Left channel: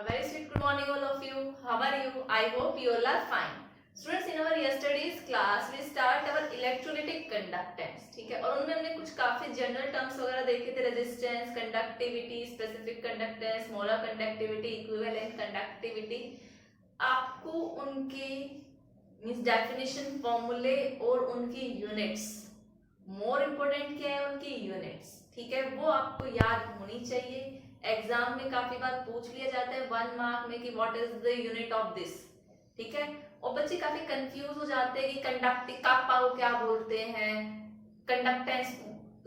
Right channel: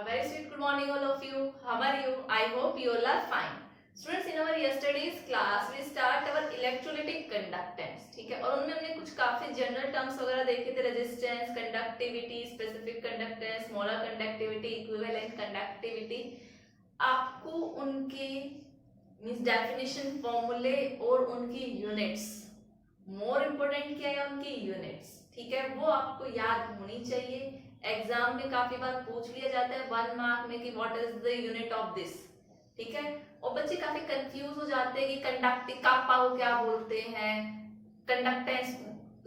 A very sweet good morning all of you. How are you? I hope you all are fine. Students, in our yesterday's class we start our electrolytic conductance. ठीक है, और उनमें हमने कुछ काफी general terms वगैरह देखे थे, resistance, conductivity, specific conductance, molar conductivity, equivalent conductivity. आपको उनके मींस डेफिनेशन, फॉर्मूले और उनकी यूनिट्स, मोर इम्पोर्टेंट क्या है उनकी यूनिट्स, ठीक है, वो आपको याद होनी चाहिए. एग्जाम में काफी बार पूछ लिया जाता है 1 मार्क में कि what is the unit of this. ठीक है, और बच्चे काफी कंफ्यूज हो जाते हैं कि कंडक्टिंग कापा को क्या बोलते हैं, कंडक्टेंस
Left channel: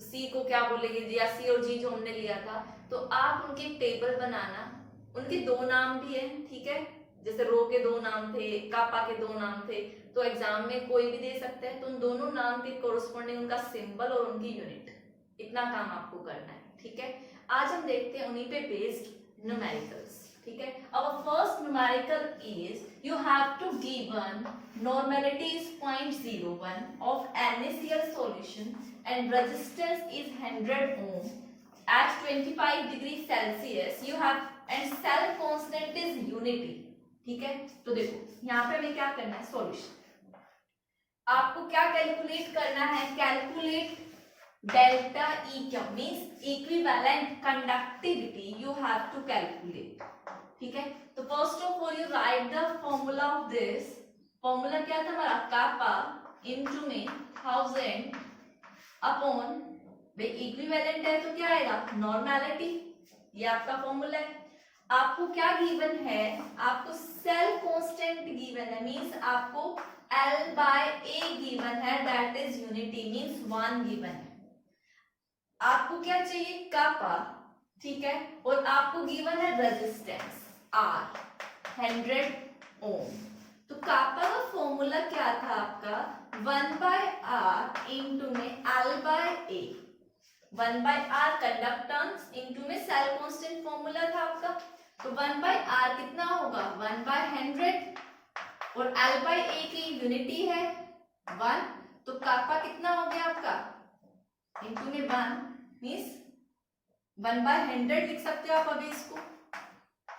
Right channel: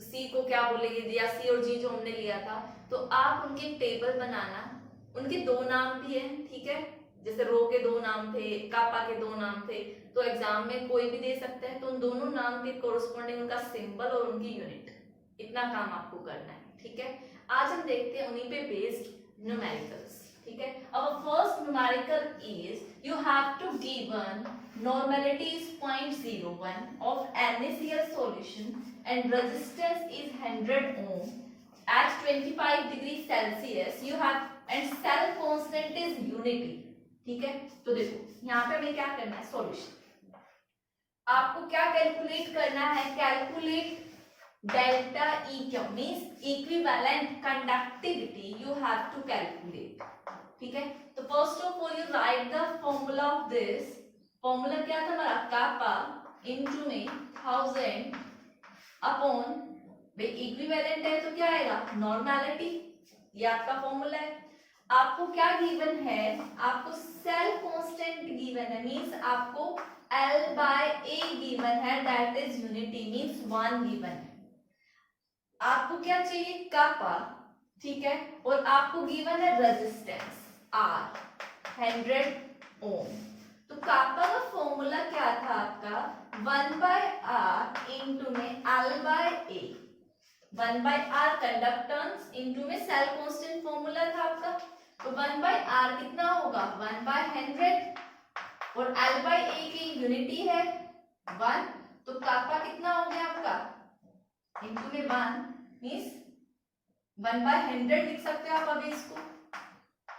सी को क्या बोलेंगे, या सी और जी जो हमने लिया था. तो आप उनकी टेबल बनाना. उनके दो नाम भी है, ठीक है, जैसे रो के दो नाम थे, कापा के दो नाम थे, तो एग्जाम में कोई भी दे सकता है. तो उन दोनों नाम के कोरस्पॉन्डिंग उनका सिंबल और उनकी यूनिट, इतना काम आपको करना है. ठीक है, आज हम देखते हैं उन्हीं पे बेस्ड न्यूमेरिकल्स. ठीक है, our first numerical is you have to given normality is 0.01 of NaCl solution and resistance is 100 ohm at 25 degree Celsius. You have and cell constant is unity. ठीक है, तो देखो यहाँ पे हमें क्या करना है, सॉल्यूशन. आपको क्या कैलकुलेट करना है, calculate delta EQ means equivalent conductivity you have to calculate. ठीक है, तो first of all you write the formula of this. formula क्या था हमारा, kappa into में 1000 upon, भाई equivalent है तो क्या आएगा, normality. ये आपका फॉर्मूला है. आपको क्या गिवन है, आपको सेल कांस्टेंट गिवन है, मींस आपको L/A गिवन है, that is unity means 1 given है. आपको क्या चाहिए, कापा. ठीक है, और आपको गिवन है रेजिस्टेंस R 100 ओम. तो कापा का फॉर्मूला क्या था आपका, 1/R इंटू में L/A. 1/R कंडक्टेंस इंटू में सेल कांस्टेंट फॉर्मूला था आपका. तो 1/R कितना होगा, 1/100, और L/A की यूनिटी है 1. तो कापा कितना हो गया आपका, इंटू में 1 मींस 1/100 लिख सकते हो आप अभी इसको.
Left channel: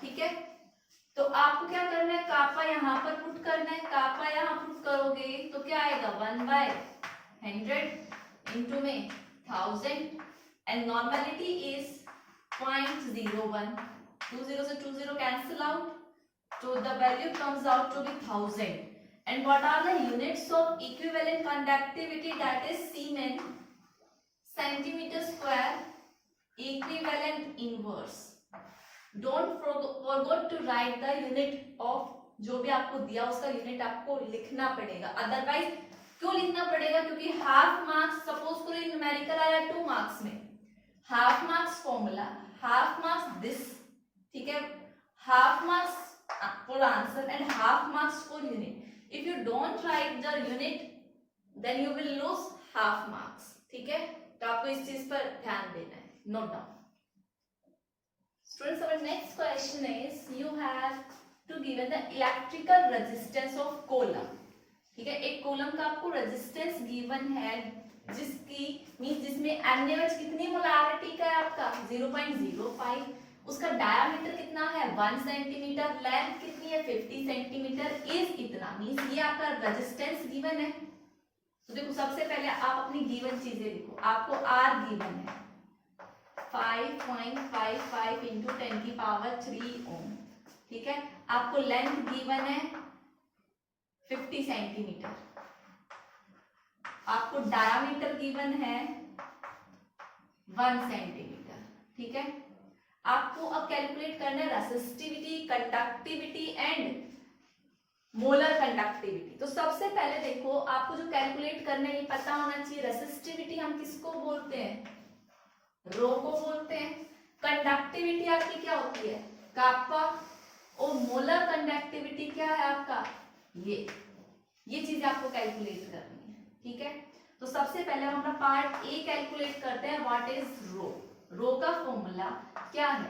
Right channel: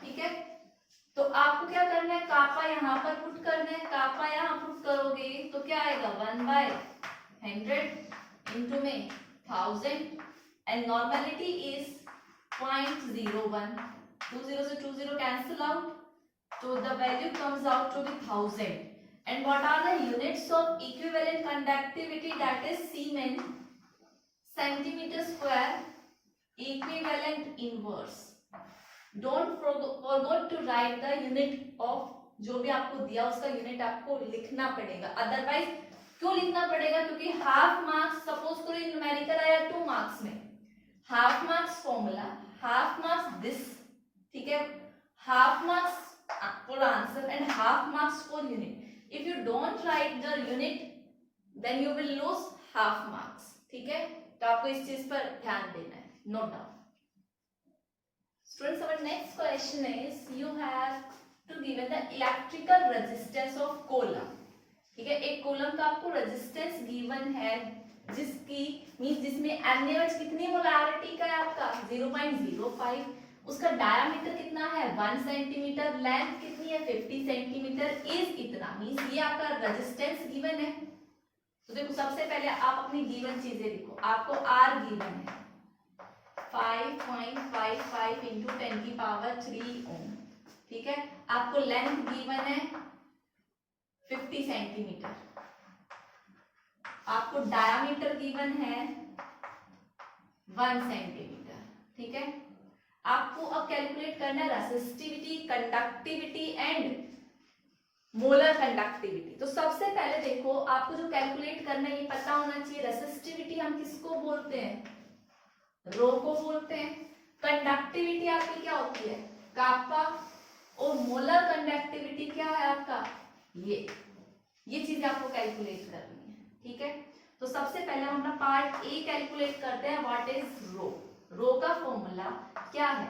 ठीक है, तो आपको क्या करना है, कापा यहाँ पर पुट करना है. कापा यहाँ पुट करोगे तो क्या आएगा, 1/100 इंटू में 1000 एंड नॉर्मेलिटी इज 0.01. 20 से 20 cancel out, so the value comes out to be 1000. And what are the units of equivalent conductivity, that is Siemens centimeter square equivalent inverse. Don't forget to write the unit of, जो भी आपको दिया उसका unit आपको लिखना पड़ेगा. Otherwise क्यों लिखना पड़ेगा, क्योंकि हाफ मार्क्स, सपोज करो न्यूमेरिकल आया 2 मार्क्स में, half marks formula, half marks this. ठीक है, half marks for answer and half marks for unit. If you don't write the unit then you will lose half marks. ठीक है, तो आपको इस चीज पर ध्यान देना है, note down. Students, our next question is you have to given the electrical resistance of column. ठीक है, एक कोलम का आपको रेजिस्टेंस गिवन है, जिसकी मींस जिसमें NaOH कितनी मोलारिटी का है आपका, 0.05. उसका डायामीटर कितना है, 1 सेंटीमीटर. लेंथ कितनी है, 50 सेंटीमीटर. इज इतना, मींस ये आपका रेजिस्टेंस गिवन है. तो देखो सबसे पहले आप अपनी गिवन चीजें लिखो. आपको R गिवन है 5.55 इंटू 10³ ओम. ठीक है, आपको लेंथ गिवन है 50 सेंटीमीटर. आपको डायामीटर गिवन है 1 सेंटीमीटर. ठीक है, आपको अब कैलकुलेट करना है resistivity, conductivity and molar conductivity. तो सबसे पहले देखो आपको जो कैलकुलेट करना है ये पता होना चाहिए. रेसिस्टिविटी हम किसको बोलते हैं, रो को बोलते हैं. कंडक्टिविटी आपकी क्या होती है, कापा. और मोलर कंडक्टिविटी क्या है आपका, ये चीज आपको कैलकुलेट करनी है. ठीक है, तो सबसे पहले हम अपना पार्ट ए कैलकुलेट करते हैं. व्हाट इज रो. रो का फॉर्मूला क्या है,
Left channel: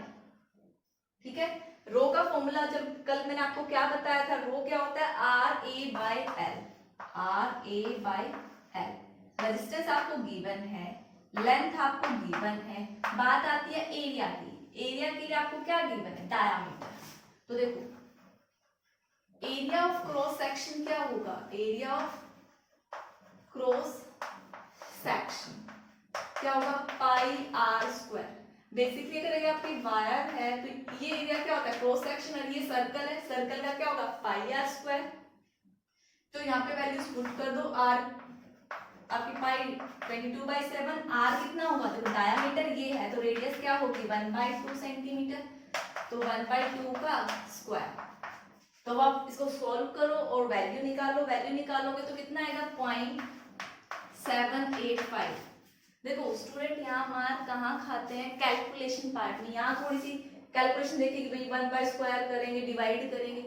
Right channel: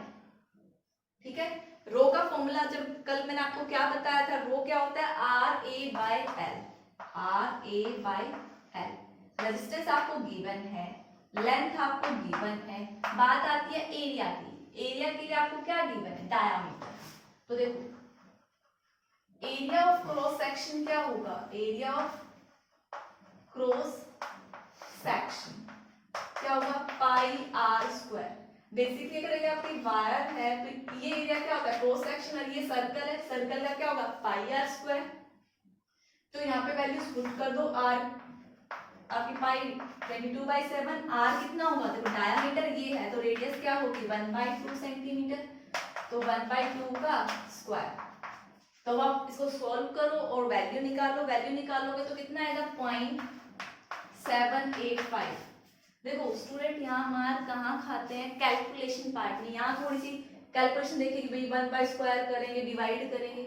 ठीक है, रो का फॉर्मूला जब कल मैंने आपको क्या बताया था, रो क्या होता है, RA/L. RA/L. रेजिस्टेंस आपको गिवन है, लेंथ आपको गिवन है. बात आती है एरिया की. एरिया के लिए आपको क्या गिवन है, डायामीटर. तो देखो एरिया ऑफ क्रॉस सेक्शन क्या होगा, एरिया ऑफ क्रॉस सेक्शन क्या होगा, पाई आर स्क्वायर। बेसिकली अगर ये आपकी वायर है तो ये एरिया क्या होता है क्रॉस सेक्शन, और ये सर्कल है, सर्कल का क्या होगा पाई आर स्क्वायर। तो यहाँ पे वैल्यूज पुट कर दो, आर आपकी पाई 22/7, आर कितना होगा, देखो डायमीटर ये है तो रेडियस क्या होगी 1/2 सेंटीमीटर, तो 1/2 का स्क्वायर। तो आप इसको सॉल्व करो और वैल्यू निकालो, वैल्यू निकालोगे तो कितना आएगा 0.785। देखो स्टूडेंट यहाँ मार कहाँ खाते हैं, कैलकुलेशन पार्ट में। यहाँ थोड़ी सी कैलकुलेशन देखिए कि भाई 1/स्क्वायर करेंगे, डिवाइड करेंगे।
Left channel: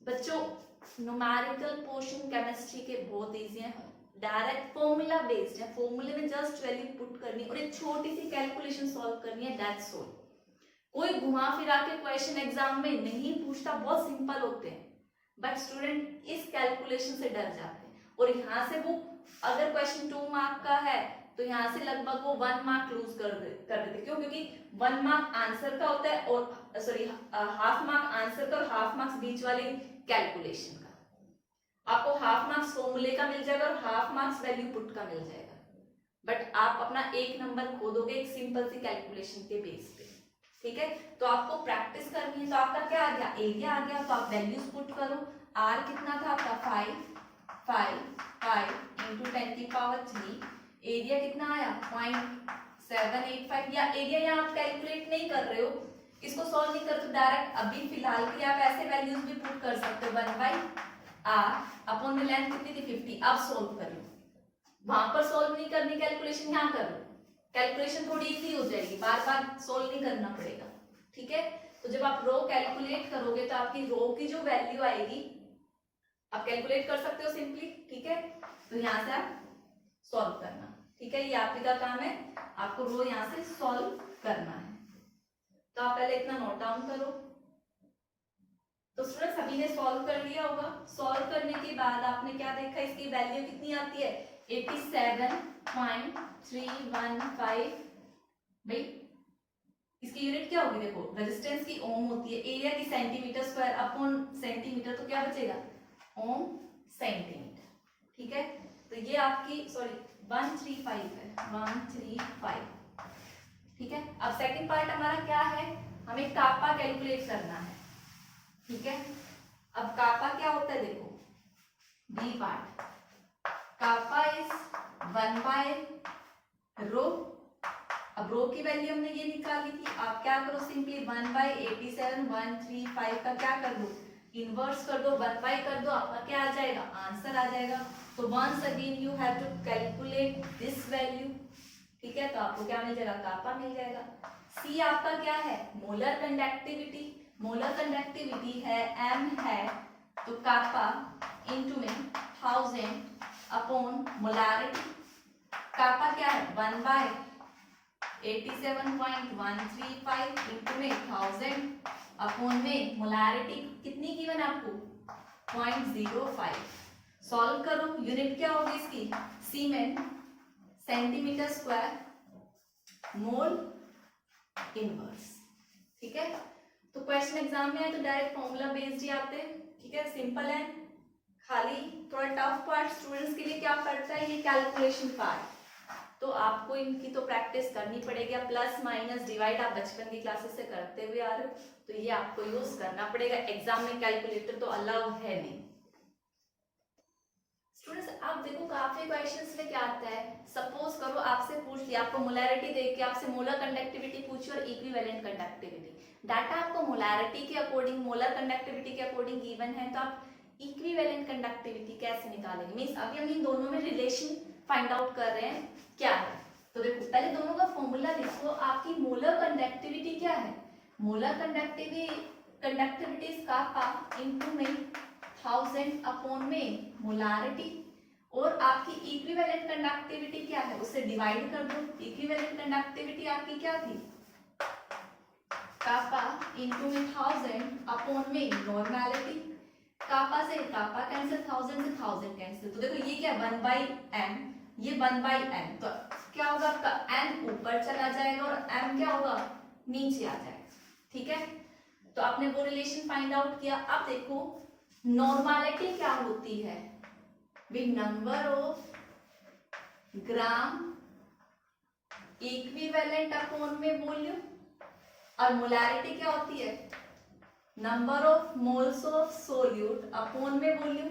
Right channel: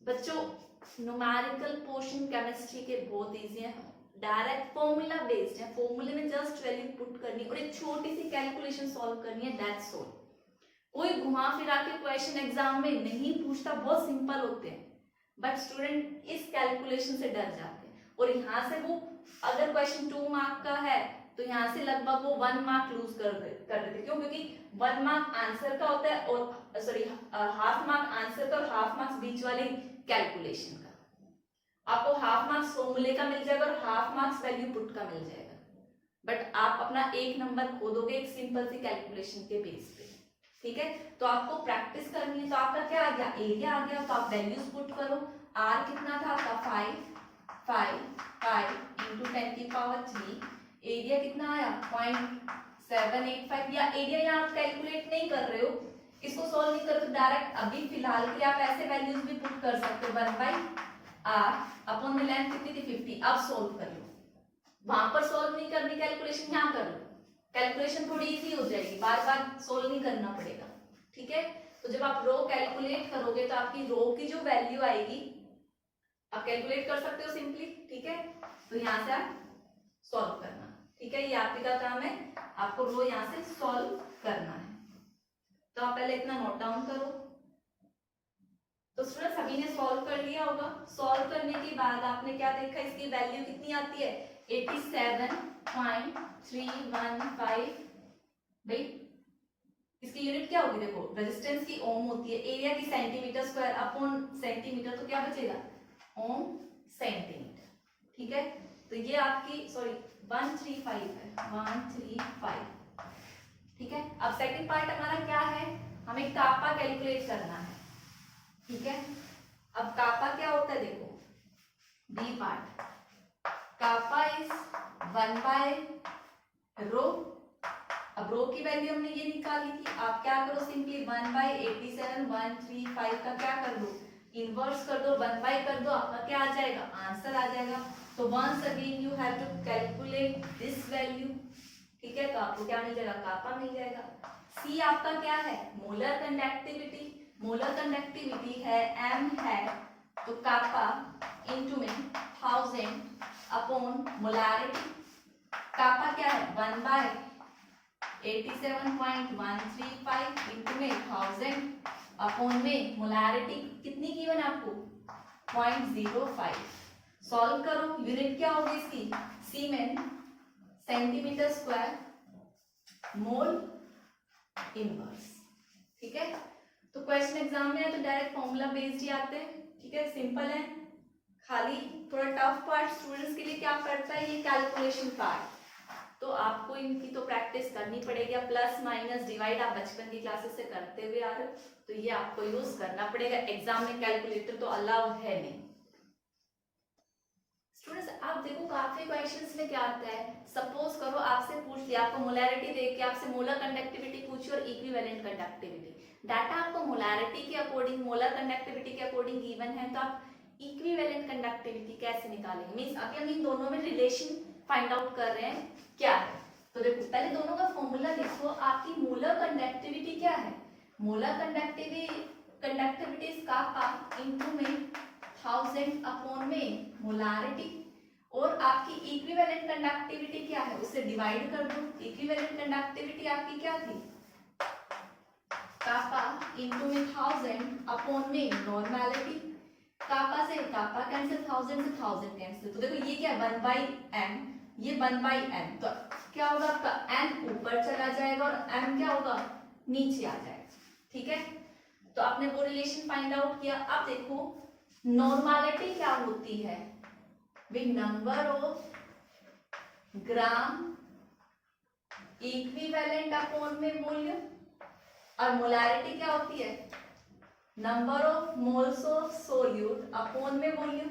बच्चों न्यूमेरिकल पोर्शन केमिस्ट्री के बहुत इजी है, डायरेक्ट फॉर्मूला बेस्ड है, फॉर्मूले में जस्ट वैल्यू पुट करनी और एक छोटी सी कैलकुलेशन सॉल्व करनी है, दैट्स ऑल। कोई घुमा फिरा के क्वेश्चन एग्जाम में नहीं पूछता, बहुत सिंपल होते हैं, बट स्टूडेंट इस कैलकुलेशन से डर जाते हैं और यहाँ से वो अगर क्वेश्चन 2 मार्क का है तो यहाँ से लगभग वो 1 मार्क लूज कर देते। क्यों, क्योंकि 1 मार्क आंसर का होता है और सॉरी हाफ मार्क आंसर का और हाफ मार्क्स बीच वाली कैलकुलेशन का। आपको हाफ मार्क्स फॉर्मूले का मिल जाएगा और हाफ मार्क्स वैल्यू पुट का मिल जाएगा, बट आप अपना 1 नंबर खो दोगे एक सिंपल सी कैलकुलेशन के बेस पे। ठीक है, तो आपको प्रैक्टिस करनी है। तो आपका क्या आ गया, एरिया आ गया, तो आप वैल्यूज पुट करो। आर कितना था आपका 5 इंटू 10⁻3, एरिया कितना आया 0.785। या एरिया यहाँ आप कैलकुलेट नहीं कर रहे हो, इसको सॉल्व नहीं कर तो डायरेक्ट अभी फिलहाल के लिए आप ऐसे वैल्यूज भी पुट कर सकते हो, 1/r अपॉन में लेंथ कितनी थी 50। अब सॉल्व कर लो, वहां पर सॉल्व नहीं करनी कैलकुलेशन, यहाँ कर लो, कैलकुलेशन थोड़ी इजी हो जाएगी, बार बार सोल्व नहीं करना पड़ेगा। ठीक है, तो जब आप रो कैलकुलेट करोगे तो आपकी रो की जो वैल्यू आएगी आप कैलकुलेट कर सकते हो सिंपली। ठीक है, तो यहाँ से आप सॉल्व करना। ठीक है, ये आपका काम है, आपको रो यहाँ से सॉल्व करना है। तो आप पहले इतना नोट डाउन करो। तो स्टूडेंट सभी ने सॉल्व कर लिया होगा। सॉल्व करने के बाद आपने क्या देखा, इसकी वैल्यू कितनी आती है 87.315। भाई इसकी यूनिट क्या होगी, देखो रेजिस्टेंस की ओम होती है, एरिया की सेंटीमीटर स्क्वायर अपॉन सेंटीमीटर, तो क्या बचेगा ओम सेंटीमीटर। ठीक है, तो ये आपकी सॉरी 135 है, 135। ठीक है, अब सेकंड पार्ट हमारा क्या है, हमें कापा कैलकुलेट करना है। ठीक है, अब कापा क्या होता है, देखो बी पार्ट, कापा इज 1/रो। अब रो की वैल्यू हमने ये निकाली थी, आप क्या करो सिंपली 1/87,135 का क्या कर दो इनवर्स कर दो, 1/, कर दो, आपका क्या आ जाएगा आंसर आ जाएगा। तो once again you have to calculate this value. ठीक है, तो आपको क्या मिल जाएगा कापा मिल जाएगा। सी आपका क्या है मोलर कंडक्टिविटी, मोलर कंडक्टिविटी है m है, तो कापा इनटू में 1000 अपॉन मोलारिटी। कापा क्या है 1/87.135 इंटू में 1000 अपॉन में मोलारिटी कितनी गिवन आपको 0.05। सॉल्व करो, यूनिट क्या होगी इसकी सीमेन सेंटीमीटर स्क्वायर मोल इनवर्स। ठीक है, तो क्वेश्चन एग्जाम में है तो डायरेक्ट फॉर्मूला बेस्ड ही आते हैं। ठीक है, सिंपल है, खाली थोड़ा टफ पार्ट स्टूडेंट्स के लिए क्या पड़ता है ये कैलकुलेशन पार्ट, तो आपको इनकी तो प्रैक्टिस करनी पड़ेगी। प्लस माइनस डिवाइड आप बचपन की क्लासेस से करते हुए आ रहे हो, तो ये आपको यूज करना पड़ेगा। एग्जाम में कैलकुलेटर तो अलाउ है नहीं। स्टूडेंट्स आप देखो काफी क्वेश्चंस में क्या आता है, सपोज करो आपसे पूछ लिया, आपको मोलैरिटी देके आपसे मोलर कंडक्टिविटी पूछी और इक्विवेलेंट कंडक्टिविटी, डाटा आपको मोलैरिटी के अकॉर्डिंग मोलर कंडक्टिविटी के अकॉर्डिंग गिवन है, तो आप इक्विवेलेंट कंडक्टिविटी कैसे निकालेंगे। मींस अभी हम इन दोनों में रिलेशन फाइंड आउट कर रहे हैं क्या है। तो देखो पहले दोनों का फॉर्मूला लिखो, आपकी मोलर कंडक्टिविटी क्या है, molar conductivity is kappa into में 1000 अपॉन में मोलारिटी, और आपकी इक्विवेलेंट कंडक्टिविटी क्या है उसे डिवाइड कर दो। इक्विवेलेंट कंडक्टिविटी आपकी क्या थी कापा इनटू में 1000 अपॉन में नॉर्मैलिटी, कापा से कापा कैंसिल, 1000 से 1000 कैंसिल, तो देखो ये क्या 1/m, ये 1/m, तो क्या होगा आपका m ऊपर चला जाएगा और m क्या होगा नीचे आ जाएगा। ठीक है, तो आपने वो रिलेशन फाइंड आउट किया। अब देखो नॉर्मलिटी क्या होती है, with number of gram equivalent upon में वॉल्यूम, और मोलैरिटी क्या होती है, number of moles of solute upon में वॉल्यूम।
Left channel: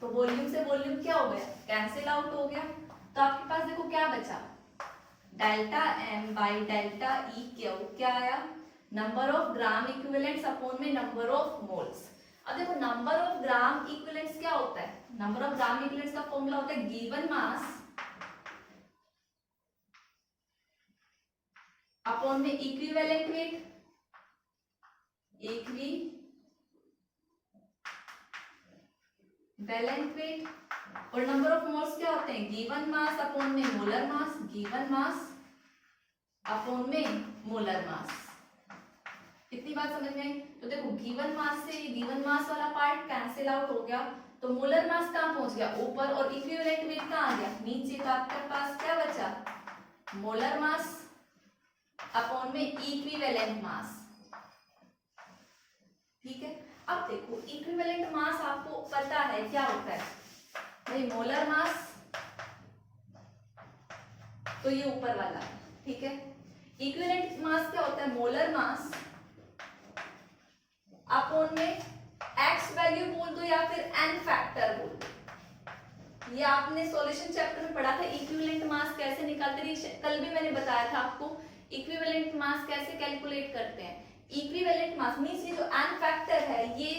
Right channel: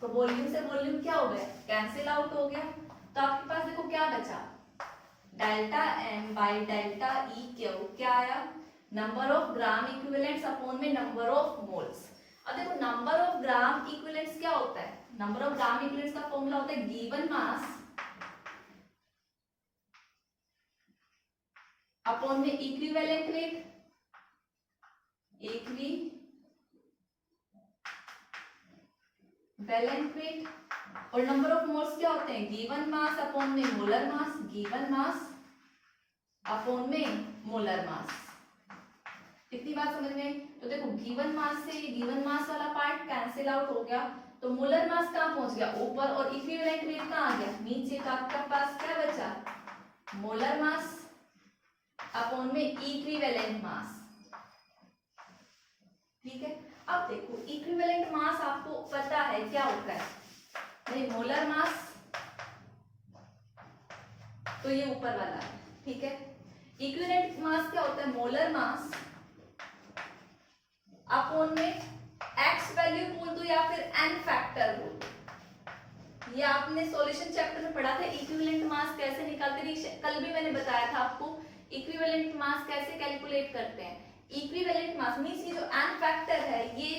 तो वॉल्यूम से वॉल्यूम क्या हो गया, कैंसिल आउट हो गया। तो आपके पास देखो क्या बचा, delta N by delta E क्या आया, number of gram equivalents upon में नंबर ऑफ मोल्स। अब देखो नंबर ऑफ ग्राम इक्विवेलेंट्स क्या होता है, नंबर ऑफ ग्राम इक्विवेलेंट्स का फॉर्मूला होता है गिवन मास अपॉन में इक्विवेलेंट वेट, इक्विवेलेंट वेट, और नंबर ऑफ मोल्स क्या होते हैं, गिवन मास अपॉन में molar mass, given mass upon में मोलर मास। कितनी बात समझ गए। तो देखो गिवन मास से ये गिवन मास वाला पार्ट कैंसिल आउट हो गया, तो मोलर मास कहाँ पहुंच गया, ऊपर, और इक्विवेलेंट वेट कहाँ आ गया, नीचे। तो आपके पास क्या बचा, मोलर मास अपॉन में इक्विवेलेंट मास। ठीक है, अब देखो इक्विवेलेंट मास आपको पता है क्या होता है, नहीं मोलर मास तो ये ऊपर वाला है, ठीक है। इक्विवेलेंट मास क्या होता है, मोलर मास अपॉन में एक्स वैल्यू बोल दो या फिर एन फैक्टर बोल दो। ये आपने सॉल्यूशन चैप्टर में पढ़ा था, इक्विवेलेंट मास कैसे निकालते थे, कल भी मैंने बताया था आपको इक्विवेलेंट मास कैसे कैलकुलेट करते हैं। इक्विवेलेंट मास मींस ये जो एन फैक्टर है ये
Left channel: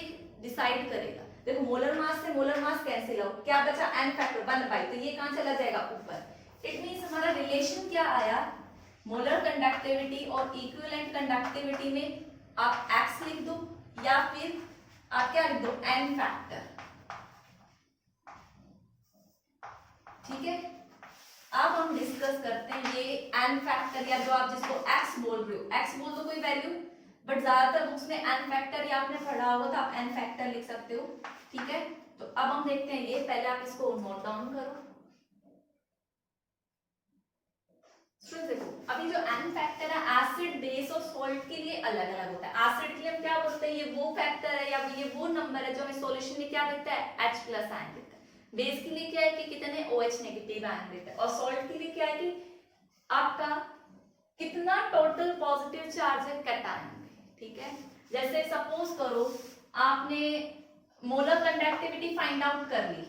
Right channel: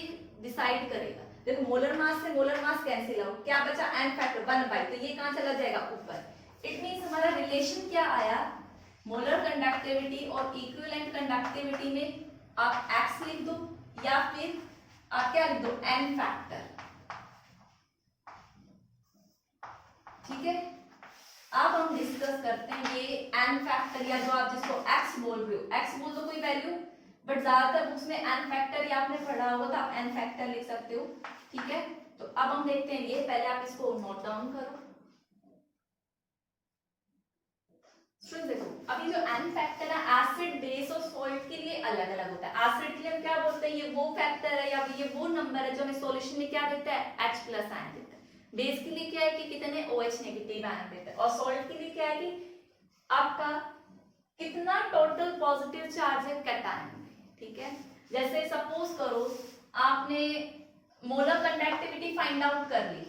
डिसाइड करेगा। देखो मोलर मास से मोलर मास कैंसिल हो, क्या बचा एन फैक्टर 1/, तो ये कहां चला जाएगा, ऊपर। इट मींस हमारा रिलेशन क्या आया, मोलर कंडक्टिविटी और इक्विवेलेंट कंडक्टिविटी में आप एक्स लिख दो या फिर आप क्या लिख दो, एन फैक्टर। ठीक है, अब हम डिस्कस करते हैं ये एन फैक्टर, या जो आप जिसको एक्स बोल रहे हो, एक्स बोल दो कोई वैल्यू, बट ज्यादातर बुक्स में एन फैक्टर या आपने पढ़ा होगा तो आप एन फैक्टर लिख सकते हो। ठीक है, तो अब हम देखते हैं ये, पहले आप इसको नोट डाउन करो। देखो अभी जो एन फैक्टर है एसिड बेस और सॉल्ट के लिए अलग अलग होता है। एसिड के लिए हम क्या बोलते हैं, ये वो फैक्टर है या ये वो नंबर है जो हमें सॉल्यूशन में क्या देता है, H+ आयन देता है। बेस के लिए क्या है कि कितने OH नेगेटिव आयन देता है, और सॉल्ट के लिए क्या है कि आपका कितना टोटल पॉजिटिव चार्ज है कैटायन में। ठीक है, जैसे सपोज करो आपने मोलर कंडक्टिविटी फाइंड आउट कर ली,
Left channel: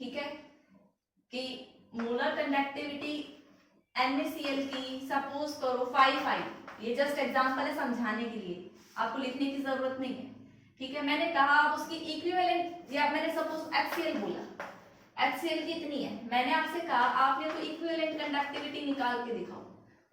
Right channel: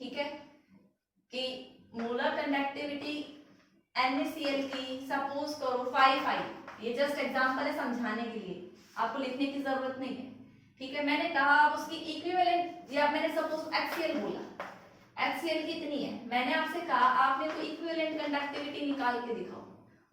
ठीक है, कि मोलर कंडक्टिविटी NaCl की सपोज करो 5, ये जस्ट एग्जांपल है समझाने के लिए, आपको लिखने की जरूरत नहीं है। ठीक है, मैंने कहा आप उसकी इक्विवेलेंट, या मैंने सपोज HCl बोला, HCl की इतनी है, मैंने आपसे कहा आपने तो इक्विवेलेंट कंडक्टिविटी निकाल के दिखाओ,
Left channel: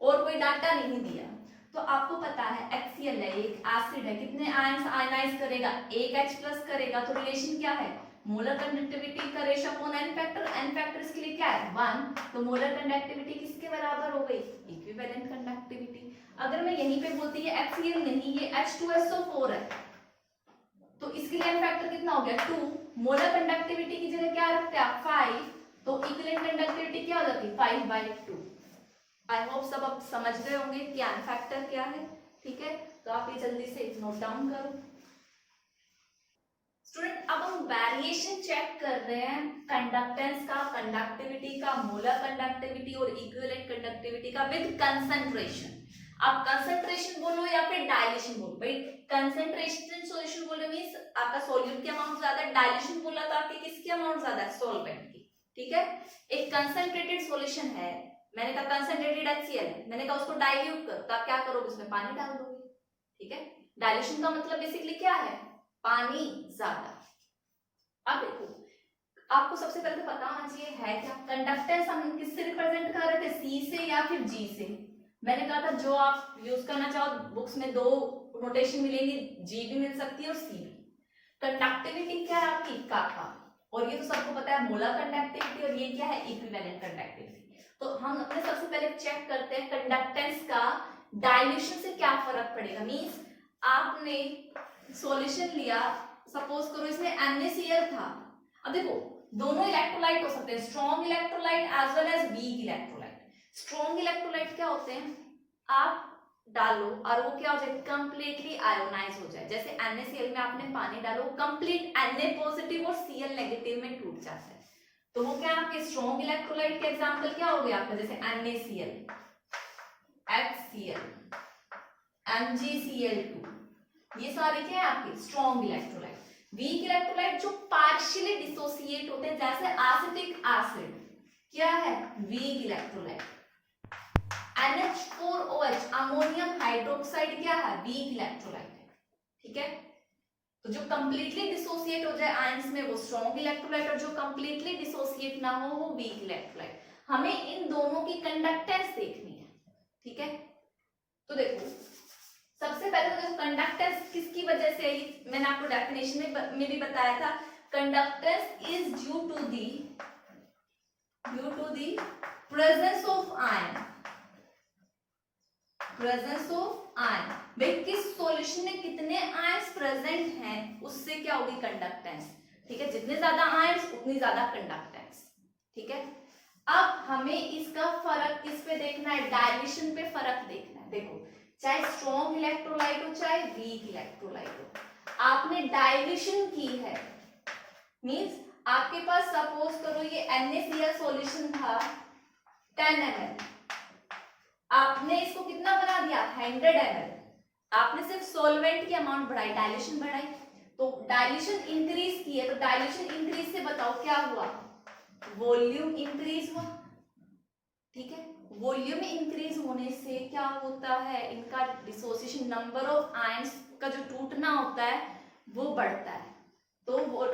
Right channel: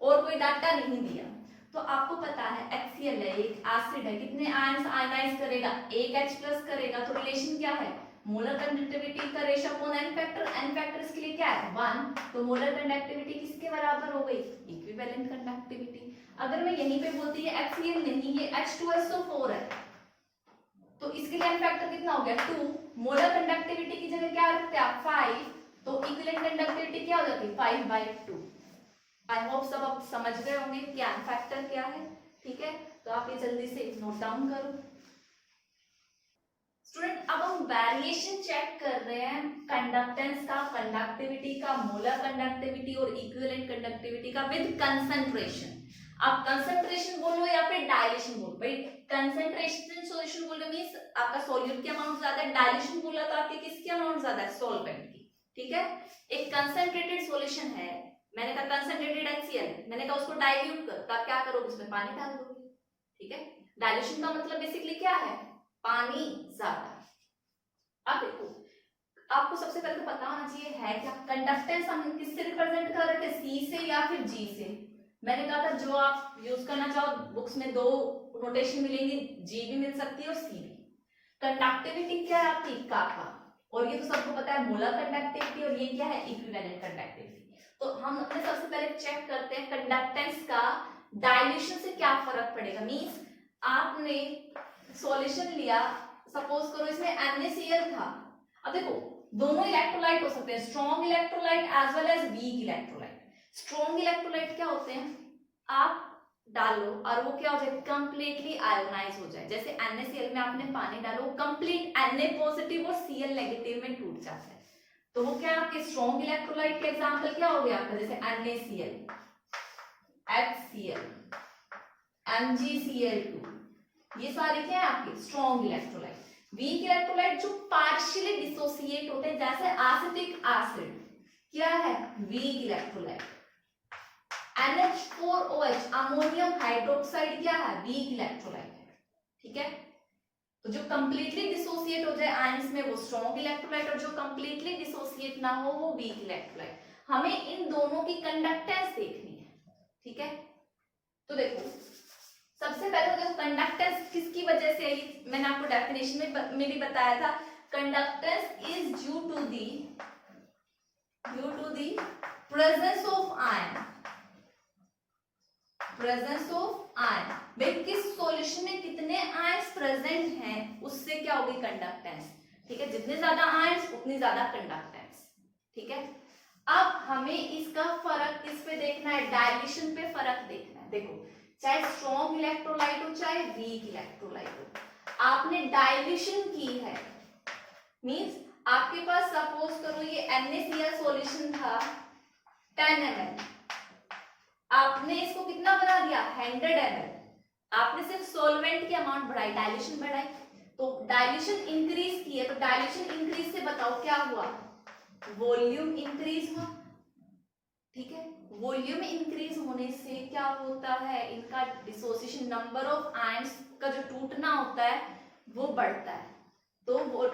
और कोई डाटा नहीं दिया। तो आपको पता है HCl है, एक एसिड है, कितने आयंस आयनाइज करेगा, एक H+ करेगा। तो रिलेशन क्या है, मोलर कंडक्टिविटी का ratio upon N factor, N factor इसके लिए क्या है 1, तो मोलर कंडक्टिविटी किसके बराबर हो गई, इक्विवेलेंट कंडक्टिविटी। अगर मैं यहीं पे बोलती है HCl नहीं, ये H2SO4 है, तो इसके लिए एन फैक्टर कितना हो गया 2, मोलर कंडक्टिविटी की जगह क्या रखते हैं 5, तो इक्विवेलेंट कंडक्टिविटी क्या हो जाती 5/2। आई होप सब आप समझ गए होंगे कि एन फैक्टर क्या है। ठीक है, तो आप ये जल्दी से नोट डाउन करो। स्टूडेंट अब हम वेरिएशन चेक कर रहे हैं कंडक्टेंस का, कंडक्टिविटी का, मोलर कंडक्टिविटी और इक्विवेलेंट कंडक्टिविटी का विद कंसंट्रेशन। आप कंसंट्रेशन बोलो या फिर डायल्यूशन बोलो, भाई कंसंट्रेशन सॉल्यूशन बोलो मींस आपका सॉल्यूट की अमाउंट ज्यादा है, डायल्यूशन बोला तो आपकी किसकी अमाउंट ज्यादा है, सॉल्वेंट की। ठीक है, एक कंसंट्रेटेड सॉल्यूशन है, मैंने कहा कंसंट्रेटेड HCl, मैंने कहा उसको डाइल्यूट करो, तो आप क्या करोगे, उसमें पानी डाल दोगे। ठीक है, डाइल्यूशन का मतलब बेसिकली क्या है, पानी ज्यादा। अब देखो आपको सबसे पहले तो पता होना चाहिए है क्या, कंडक्टेंस हम किससे रिप्रेजेंट कर रहे थे, C से या फिर G से। मैंने कहा था जो आप यूज करना चाहो बुक्स में 2 नोटेशन मिलेंगी, G भी मिल सकती है और C भी। कंडक्टिविटी क्या है आपकी काका, और ये तो सबको पता है मोलर कंडक्टिविटी, और ये क्या है इक्विवेलेंट कंडक्टिविटी। तो हम अपने सबसे पहले चेक करते हैं कंडक्टेंस का डाइल्यूशन से क्या फर्क पड़ेगा। मींस आपने सॉल्यूशन लिया, सपोज करो इसमें NaCl था, अब देखो दोनों इलेक्ट्रोलाइट हो सकते हैं, strong electrolyte as well as weak electrolyte. Strong electrolyte क्या होते हैं, आप डालो और वो क्या हो जाए, कंप्लीटली आयोनाइज हो जाए। जैसे NaCl में आपने पानी डालो, कंप्लीट Na पॉजिटिव और Cl नेगेटिव में टूट जाता है। तो वो क्या आपके स्ट्रॉन्ग इलेक्ट्रोलाइट के एग्जांपल क्या हो गया आपका, जैसे NaCl, HCl, MgCl2, ये सारे क्या है आपके स्ट्रॉन्ग इलेक्ट्रोलाइट। वीक इलेक्ट्रोलाइट जो पार्शियली डिसोसिएट होते हैं, जैसे एसिटिक एसिड क्या है, weak electrolyte. NH4OH ammonium hydroxide क्या है, वीक इलेक्ट्रोलाइट है। ठीक है, तो जो कंप्लीटली डिसोसिएट हो जाए आयंस में वो स्ट्रॉन्ग इलेक्ट्रोलाइट, और जो कंप्लीटली डिसोसिएट ना हो वो वीक इलेक्ट्रोलाइट। हमें इन दोनों की कंडक्टेंस देखनी है। ठीक है, तो देखो सबसे पहले तो देखो कंडक्टेंस किसकी वजह से आई, मैंने आपको डेफिनेशन में भी बताया था, conductance is due to the presence of ion, presence of ion. भाई किस सॉल्यूशन में कितने आयंस प्रेजेंट हैं उससे क्या होगी कंडक्टेंस। ठीक है, जितने ज्यादा आयंस उतनी ज्यादा कंडक्टेंस। ठीक है, अब हमें इसका फर्क किस पे देखना है, डायल्यूशन पे फर्क देखना है। देखो चाहे स्ट्रॉन्ग इलेक्ट्रोलाइट हो चाहे वीक इलेक्ट्रोलाइट हो, आपने डायल्यूशन की है, मींस आपके पास सपोज करो ये NaCl सॉल्यूशन था 10 ml, आपने इसको कितना बना दिया 100 ml, आपने सिर्फ सॉल्वेंट की अमाउंट बढ़ाई, डाइल्यूशन बढ़ाई, तो डाइल्यूशन इंक्रीज की है, तो डाइल्यूशन इंक्रीज से बताओ क्या हुआ, वॉल्यूम इंक्रीज हुआ। ठीक है, वॉल्यूम इंक्रीज होने से क्या होता है, इनका डिसोसिएशन, नंबर ऑफ आयंस का जो टूटना होता है वो बढ़ता है। तो वो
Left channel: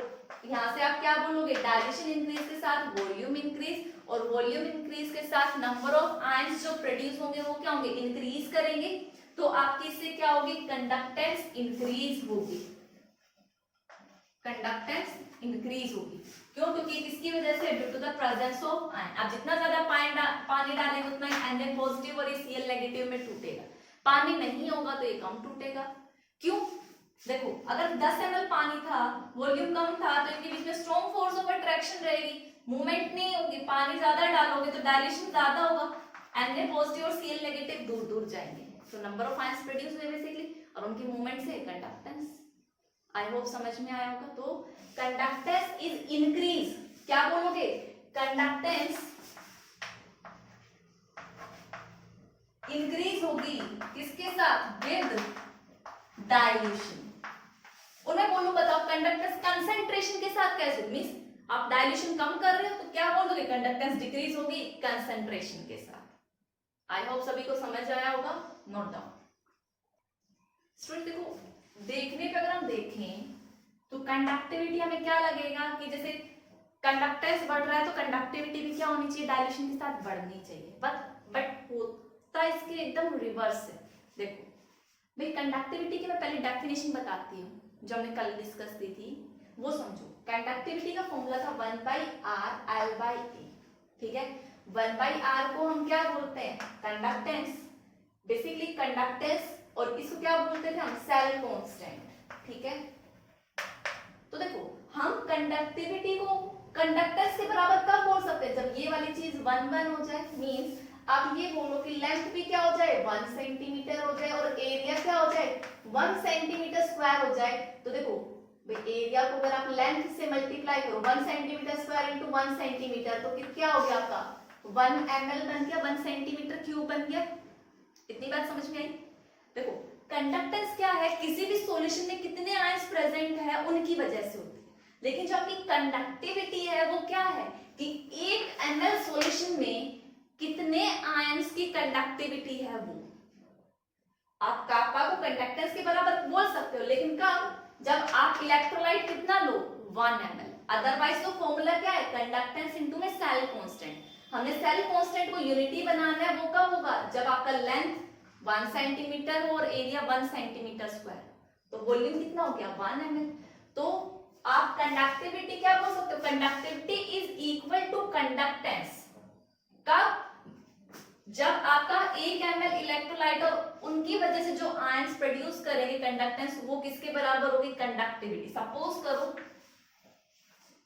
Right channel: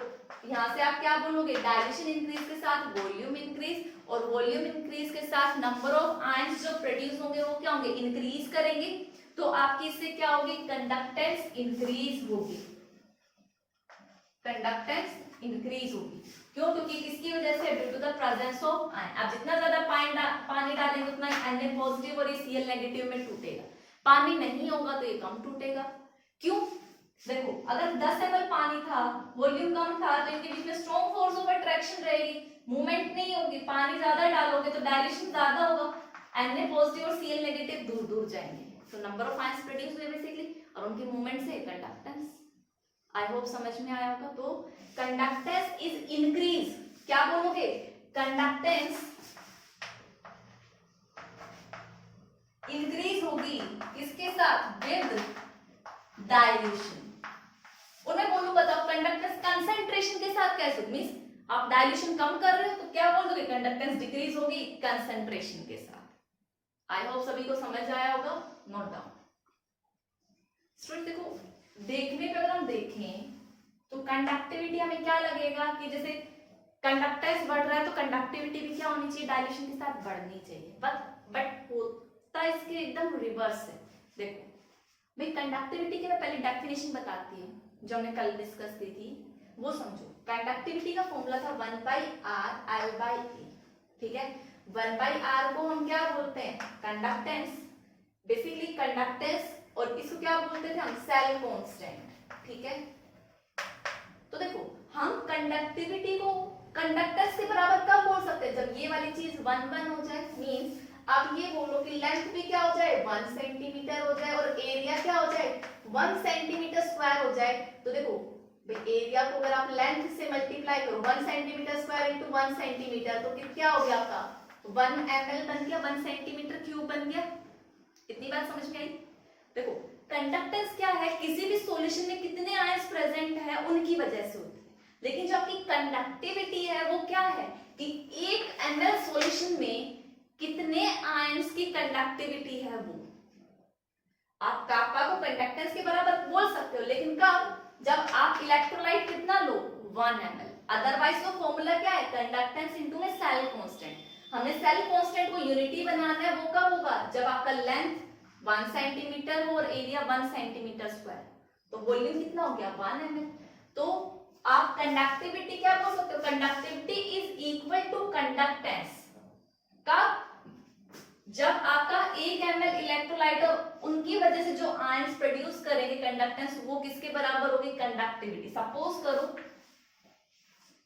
यहाँ से आप क्या बोलोगे, डाइल्यूशन इंक्रीज के साथ वॉल्यूम इंक्रीज, और वॉल्यूम इंक्रीज के साथ नंबर ऑफ आयंस जो प्रोड्यूस होंगे वो क्या होंगे, इंक्रीज करेंगे। तो आपकी इससे क्या होगी, कंडक्टेंस इंक्रीज होगी, कंडक्टेंस इंक्रीज होगी। क्यों, क्योंकि किसकी वजह से, due to the presence of ion. अब जितना ज्यादा पानी डालेंगे उतना Na पॉजिटिव और Cl नेगेटिव में टूटेगा, पानी नहीं होगा तो ये कम टूटेगा। क्यों, देखो अगर 10 ml पानी था, वॉल्यूम कम था, तो इनके बीच में स्ट्रॉन्ग फोर्स ऑफ अट्रैक्शन रहेगी, मूवमेंट नहीं होगी। पानी ज्यादा डालोगे तो डायल्यूशन ज्यादा होगा, Na पॉजिटिव और Cl नेगेटिव दूर दूर जाएंगे, तो नंबर ऑफ आयंस प्रोड्यूस हुए बेसिकली, और उनकी मूवमेंट से कंडक्टेंस। आई होप समझ में आया होगा। तो कंडक्टेंस इज इंक्रीज, क्या बोलोगे, कंडक्टेंस इंक्रीज होगी किसके साथ, विद डाइल्यूशन। और मैं बोलूं बताओ कंडक्टेंस कंसंट्रेशन के साथ कैसे, मींस आप डाइल्यूशन कम कर रहे हो तो क्या बोलोगे, कंडक्टेंस डिक्रीज होगी कंसंट्रेशन के साथ। आई होप सभी को समझ आया होगा, नोट डाउन। स्टूडेंट देखो देखने पे अगर हम देखें तो कंडक्टिविटी हमें क्या लगेगा कि जैसे कंडक्टेंस बढ़ रहा है तो कंडक्टिविटी भी क्या होनी चाहिए, डायल्यूशन के साथ बढ़नी चाहिए, बट होता इसके एकदम रिवर्स है। देखो भाई कंडक्टिविटी की मैं पहले डेफिनेशन बताती हूँ जो हमने कल डिस्कस की थी, वो समझो। कंडक्टिविटी का फॉर्मूला था 1/r L/A। ठीक है, 1/r को हम क्या बोलते हैं, कंडक्टेंस, बेसिकली कंडक्टेंस, और इसको क्या बोलते थे हम, सेल कांस्टेंट। ठीक है, तो देखो हम कंडक्टिविटी को कंडक्टेंस के बराबर कब बोल सकते हैं, जब ये वाली चीज 1/1 हो जाए, मींस आप ये बोलो कि लेंथ भी क्या हो जाए 1 सेंटीमीटर हो जाए, और एरिया क्या हो जाए 1 सेंटीमीटर स्क्वायर हो जाए। तो देखो एरिया को अगर आप लेंथ से मल्टीप्लाई करो 1 सेंटीमीटर स्क्वायर इंटू 1 सेंटीमीटर, तो क्या हो गया आपका 1 ml बन गया, 1 सेंटीमीटर क्यूब बन गया। इतनी बात समझ में आई। देखो कंडक्टेंस क्या है, किसी भी सॉल्यूशन में कितने आयंस प्रेजेंट है उनकी वजह से होती है, लेकिन जो आपकी कंडक्टिविटी है वो क्या है कि 1 ml सॉल्यूशन में कितने आयंस की कंडक्टिविटी है, वो आप कापा को कंडक्टेंस के बराबर बोल सकते हो, लेकिन कब, जब आप इलेक्ट्रोलाइट कितना लो 1 ml। अदरवाइज तो फॉर्मूला क्या है, कंडक्टेंस इनटू में सेल कांस्टेंट। हमने सेल कांस्टेंट को यूनिटी बनाना है, वो कब होगा, जब आपका लेंथ 1 सेंटीमीटर और एरिया 1 सेंटीमीटर स्क्वायर, तो वॉल्यूम कितना हो गया 1 ml। तो आप कंडक्टिविटी क्या बोल सकते हो, conductivity is equal to conductance. कब, जब आपका 1 ml इलेक्ट्रोलाइट और उनकी वजह से जो आयंस प्रोड्यूस करेंगे कंडक्टेंस, वो किसके बराबर होगी, कंडक्टिविटी। सपोज करो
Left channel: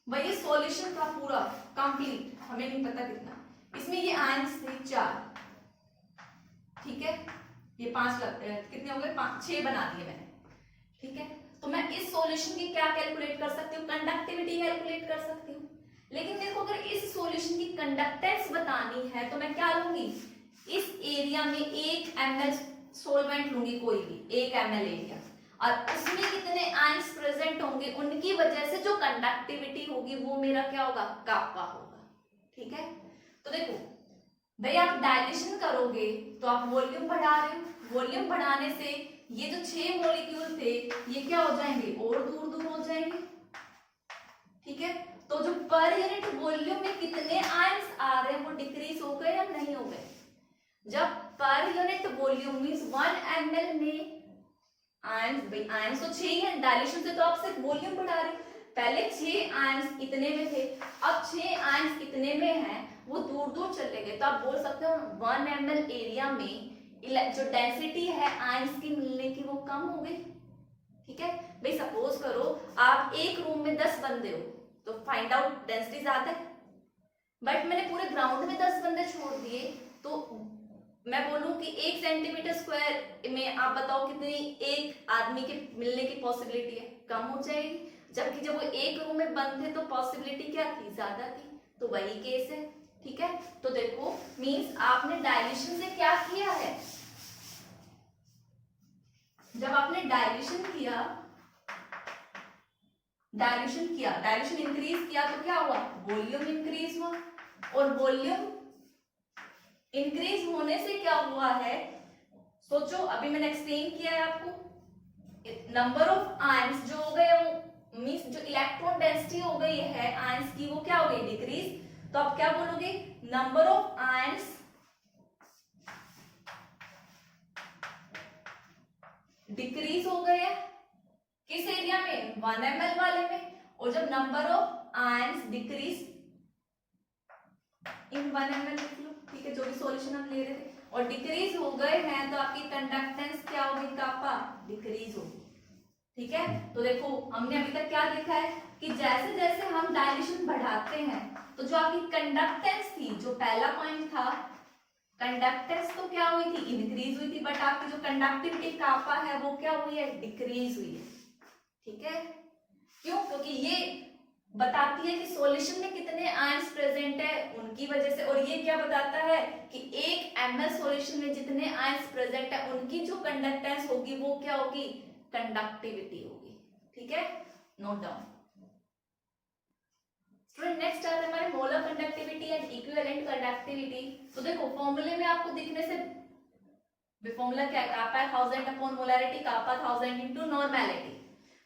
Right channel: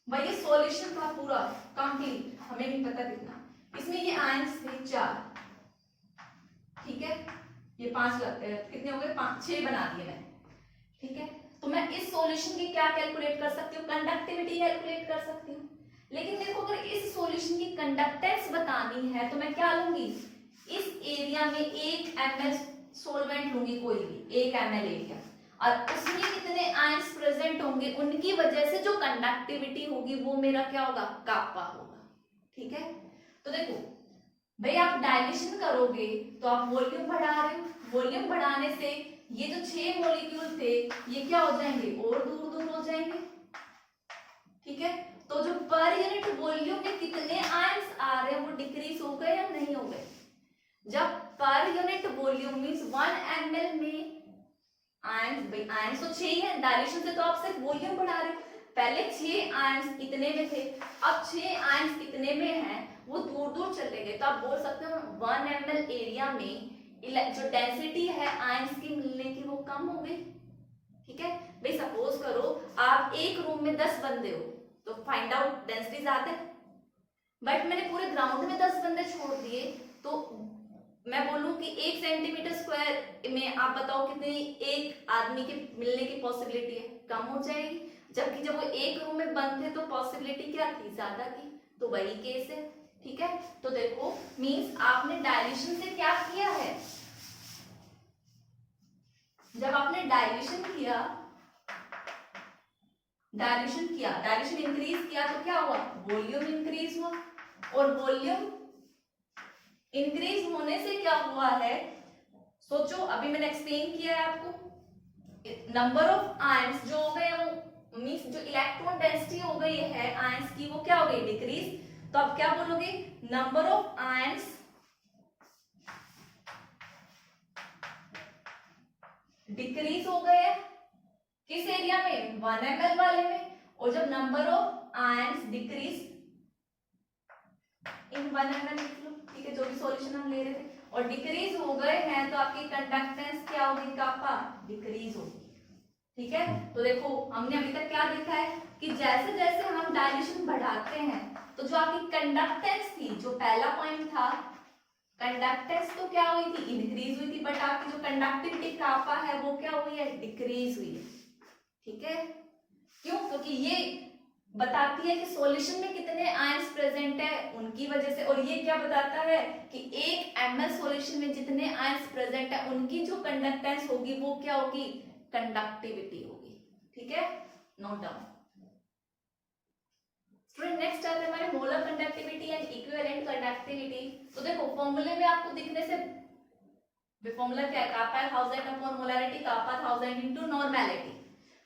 भाई ये सॉल्यूशन का पूरा कंप्लीट, हमें नहीं पता कितना, इसमें ये आयंस थे 4, ठीक है, ये 5 कितने हो गए, 6 बना दिए मैंने, ठीक है। तो मैं इस सॉल्यूशन की क्या कैलकुलेट कर सकती हूँ, कंडक्टिविटी कैलकुलेट कर सकती हूँ। लेकिन देखो अगर इस सॉल्यूशन की कंडक्टेंस बतानी है तो मैं क्या लूंगी, इस एरिया में 1 ml सॉल्वेंट लूंगी, कोई भी 1 ml एरिया, और उसमें कितने आयंस प्रेजेंट होंगे, उनकी वजह से जो कंडक्टिविटी होगी वो मेरा क्या होगा, कापा होगा, ठीक है। तो देखो भाई आप डायल्यूशन करोगे तो आप वॉल्यूम बढ़ा रहे हो, वॉल्यूम बढ़ाने से ये जो 6 मॉलिक्यूल थे ये क्या हो जाएंगे, और दूर दूर हो जाएंगे, ठीक है। तो जो पर यूनिट वॉल्यूम में कितने आयंस आ रहे हैं वो डिक्रीज हो गए या नहीं हो गए। जब per unit volume means 1 ml में आयंस, भाई आयंस तो 6 है, डायल्यूशन से तो आप सिर्फ वॉल्यूम बढ़ा रहे हो। पहले 6 आयंस इतने में थे, अब 6 आयंस इतने में हैं, वो दूर दूर चले गए, तो आप बोल सकते हो 1 ml एरिया में जो डेंसिटी है आयंस की मिलने की वो कम हो गई, ठीक है। भाई सपोज करो आप एक रूम में 10 बंदे हो तो फाइंड आउट डेंसिटी ज्यादा है, बट मैंने पूरे ग्राउंड में 10 बंदे छोड़ दिए तो मैं बोलूं कि 1 सेंटीमीटर स्क्वायर में आप बताओ कितनी एक आदमी के मिलने की पॉसिबिलिटी है, कम हो जाएगी। जबकि जब वो एक रूम में बंद थे तो पॉसिबिलिटी क्या थी, ज्यादा थी। तो वही केस है, ठीक है। तो देखो मींस आपने डायल्यूशन से क्या किया है, जब आपने डायल्यूशन किया, डायल्यूशन इंक्रीज किया तो क्या हुआ, वॉल्यूम इंक्रीज हुआ, और वॉल्यूम इंक्रीज होने से क्या हुआ है, सोचो अभी मैंने एक्सप्लेन किया है आपको, नंबर ऑफ आयंस जो हो गए वो मींस जो इलेक्ट्रॉन डेंसिटी हो गई है आयंस की वो क्या हो गई, डिक्रीज। तो आप क्या बोलोगे, नंबर ऑफ आयंस डिक्रीज हो गए किस एरिया में, 1 ml वाले में। और जब number of ions decrease in 1 ml लिख लो, ठीक है, जो भी सॉल्यूशन हम ले रहे थे, और डिक्रीज हो गए हैं तो आपकी कंडक्टेंस क्या होगी, कापा, डिक्रीज होगी, ठीक है। तो देखो हमने अभी तक क्या देखा है कि जैसे जैसे हम डायल्यूशन बढ़ाते हैं तो जो आपकी कंडक्टेंस थी, जो पहला पॉइंट था, कंडक्टेंस तो क्या हुई थी, इंक्रीज हुई थी, बट आपकी जो कंडक्टिविटी कापा है वो क्या हुई है, डिक्रीज हुई है, ठीक है। क्यों, क्योंकि ये बताती है कि सॉल्यूशन में कितने आयंस प्रेजेंट है उनकी वजह से, और ये क्या बताता है कि 1 ml सॉल्यूशन में जितने आयंस प्रेजेंट है उनकी जो कंडक्टेंस होगी वो क्या होगी, कंडक्टिविटी होगी, ठीक है, नोट डाउन। स्टूडेंट नेक्स्ट आते हैं हमारे molar conductivity and equivalent conductivity. तो देखो फॉर्मूले में आपको दिखने से फॉर्मूला क्या है, कापा 1000 अपॉन मोलरिटी, कापा 1000 इनटू नॉर्मेलिटी।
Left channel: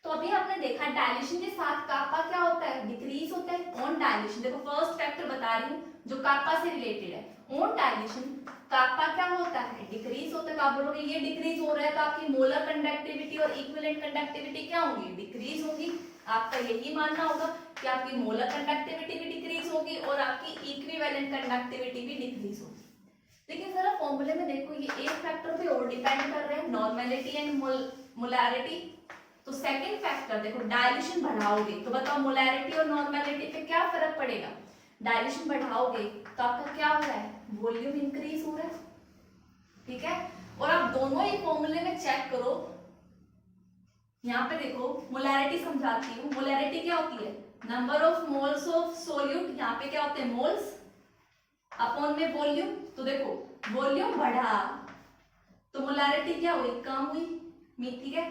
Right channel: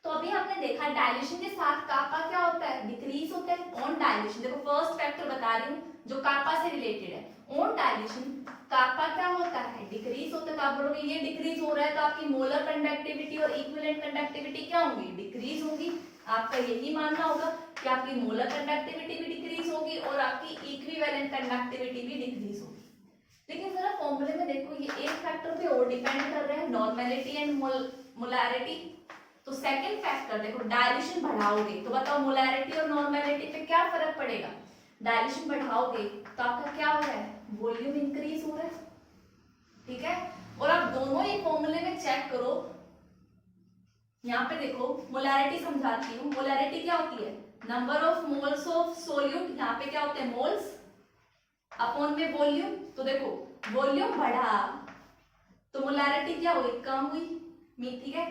तो अभी हमने देखा डायल्यूशन के साथ कापा क्या होता है, डिक्रीज होता है ऑन डायल्यूशन। देखो फर्स्ट फैक्टर बता रही हूँ जो कापा से रिलेटेड है, ऑन डायल्यूशन कापा क्या होता है, डिक्रीज होता है। तो आप बोलोगे ये डिक्रीज हो रहा है तो आपकी मोलर कंडक्टिविटी और इक्विवेलेंट कंडक्टिविटी क्या होंगी, डिक्रीज होगी। आपका यही मानना होगा कि आपकी मोलर कंडक्टिविटी भी डिक्रीज होगी और आपकी इक्विवेलेंट कंडक्टिविटी भी डिक्रीज होगी। लेकिन जरा फॉर्मूले में देखो ये एक फैक्टर पे और डिपेंड कर रहे हैं, नॉर्मेलिटी एंड मोलैरिटी। तो सेकंड फैक्टर देखो, डायल्यूशन बढ़ाओगे तो बताओ मोलैरिटी और नॉर्मेलिटी पे क्या फर्क पड़ेगा। डायल्यूशन बढ़ाओगे तो आपका क्या हो रहा है, वॉल्यूम इंक्रीज हो रहा है, ठीक है। और आप दोनों ही फॉर्मूले में चेक करो, यहाँ पे देखो मोलैरिटी समझाती हूँ। मोलैरिटी क्या होती है, number of moles of solute, यहाँ पे क्या होते हैं मोल्स, अपॉन में वॉल्यूम। तो देखो वॉल्यूम बढ़ा तो मोलैरिटी क्या हुई, कम हुई, ठीक है।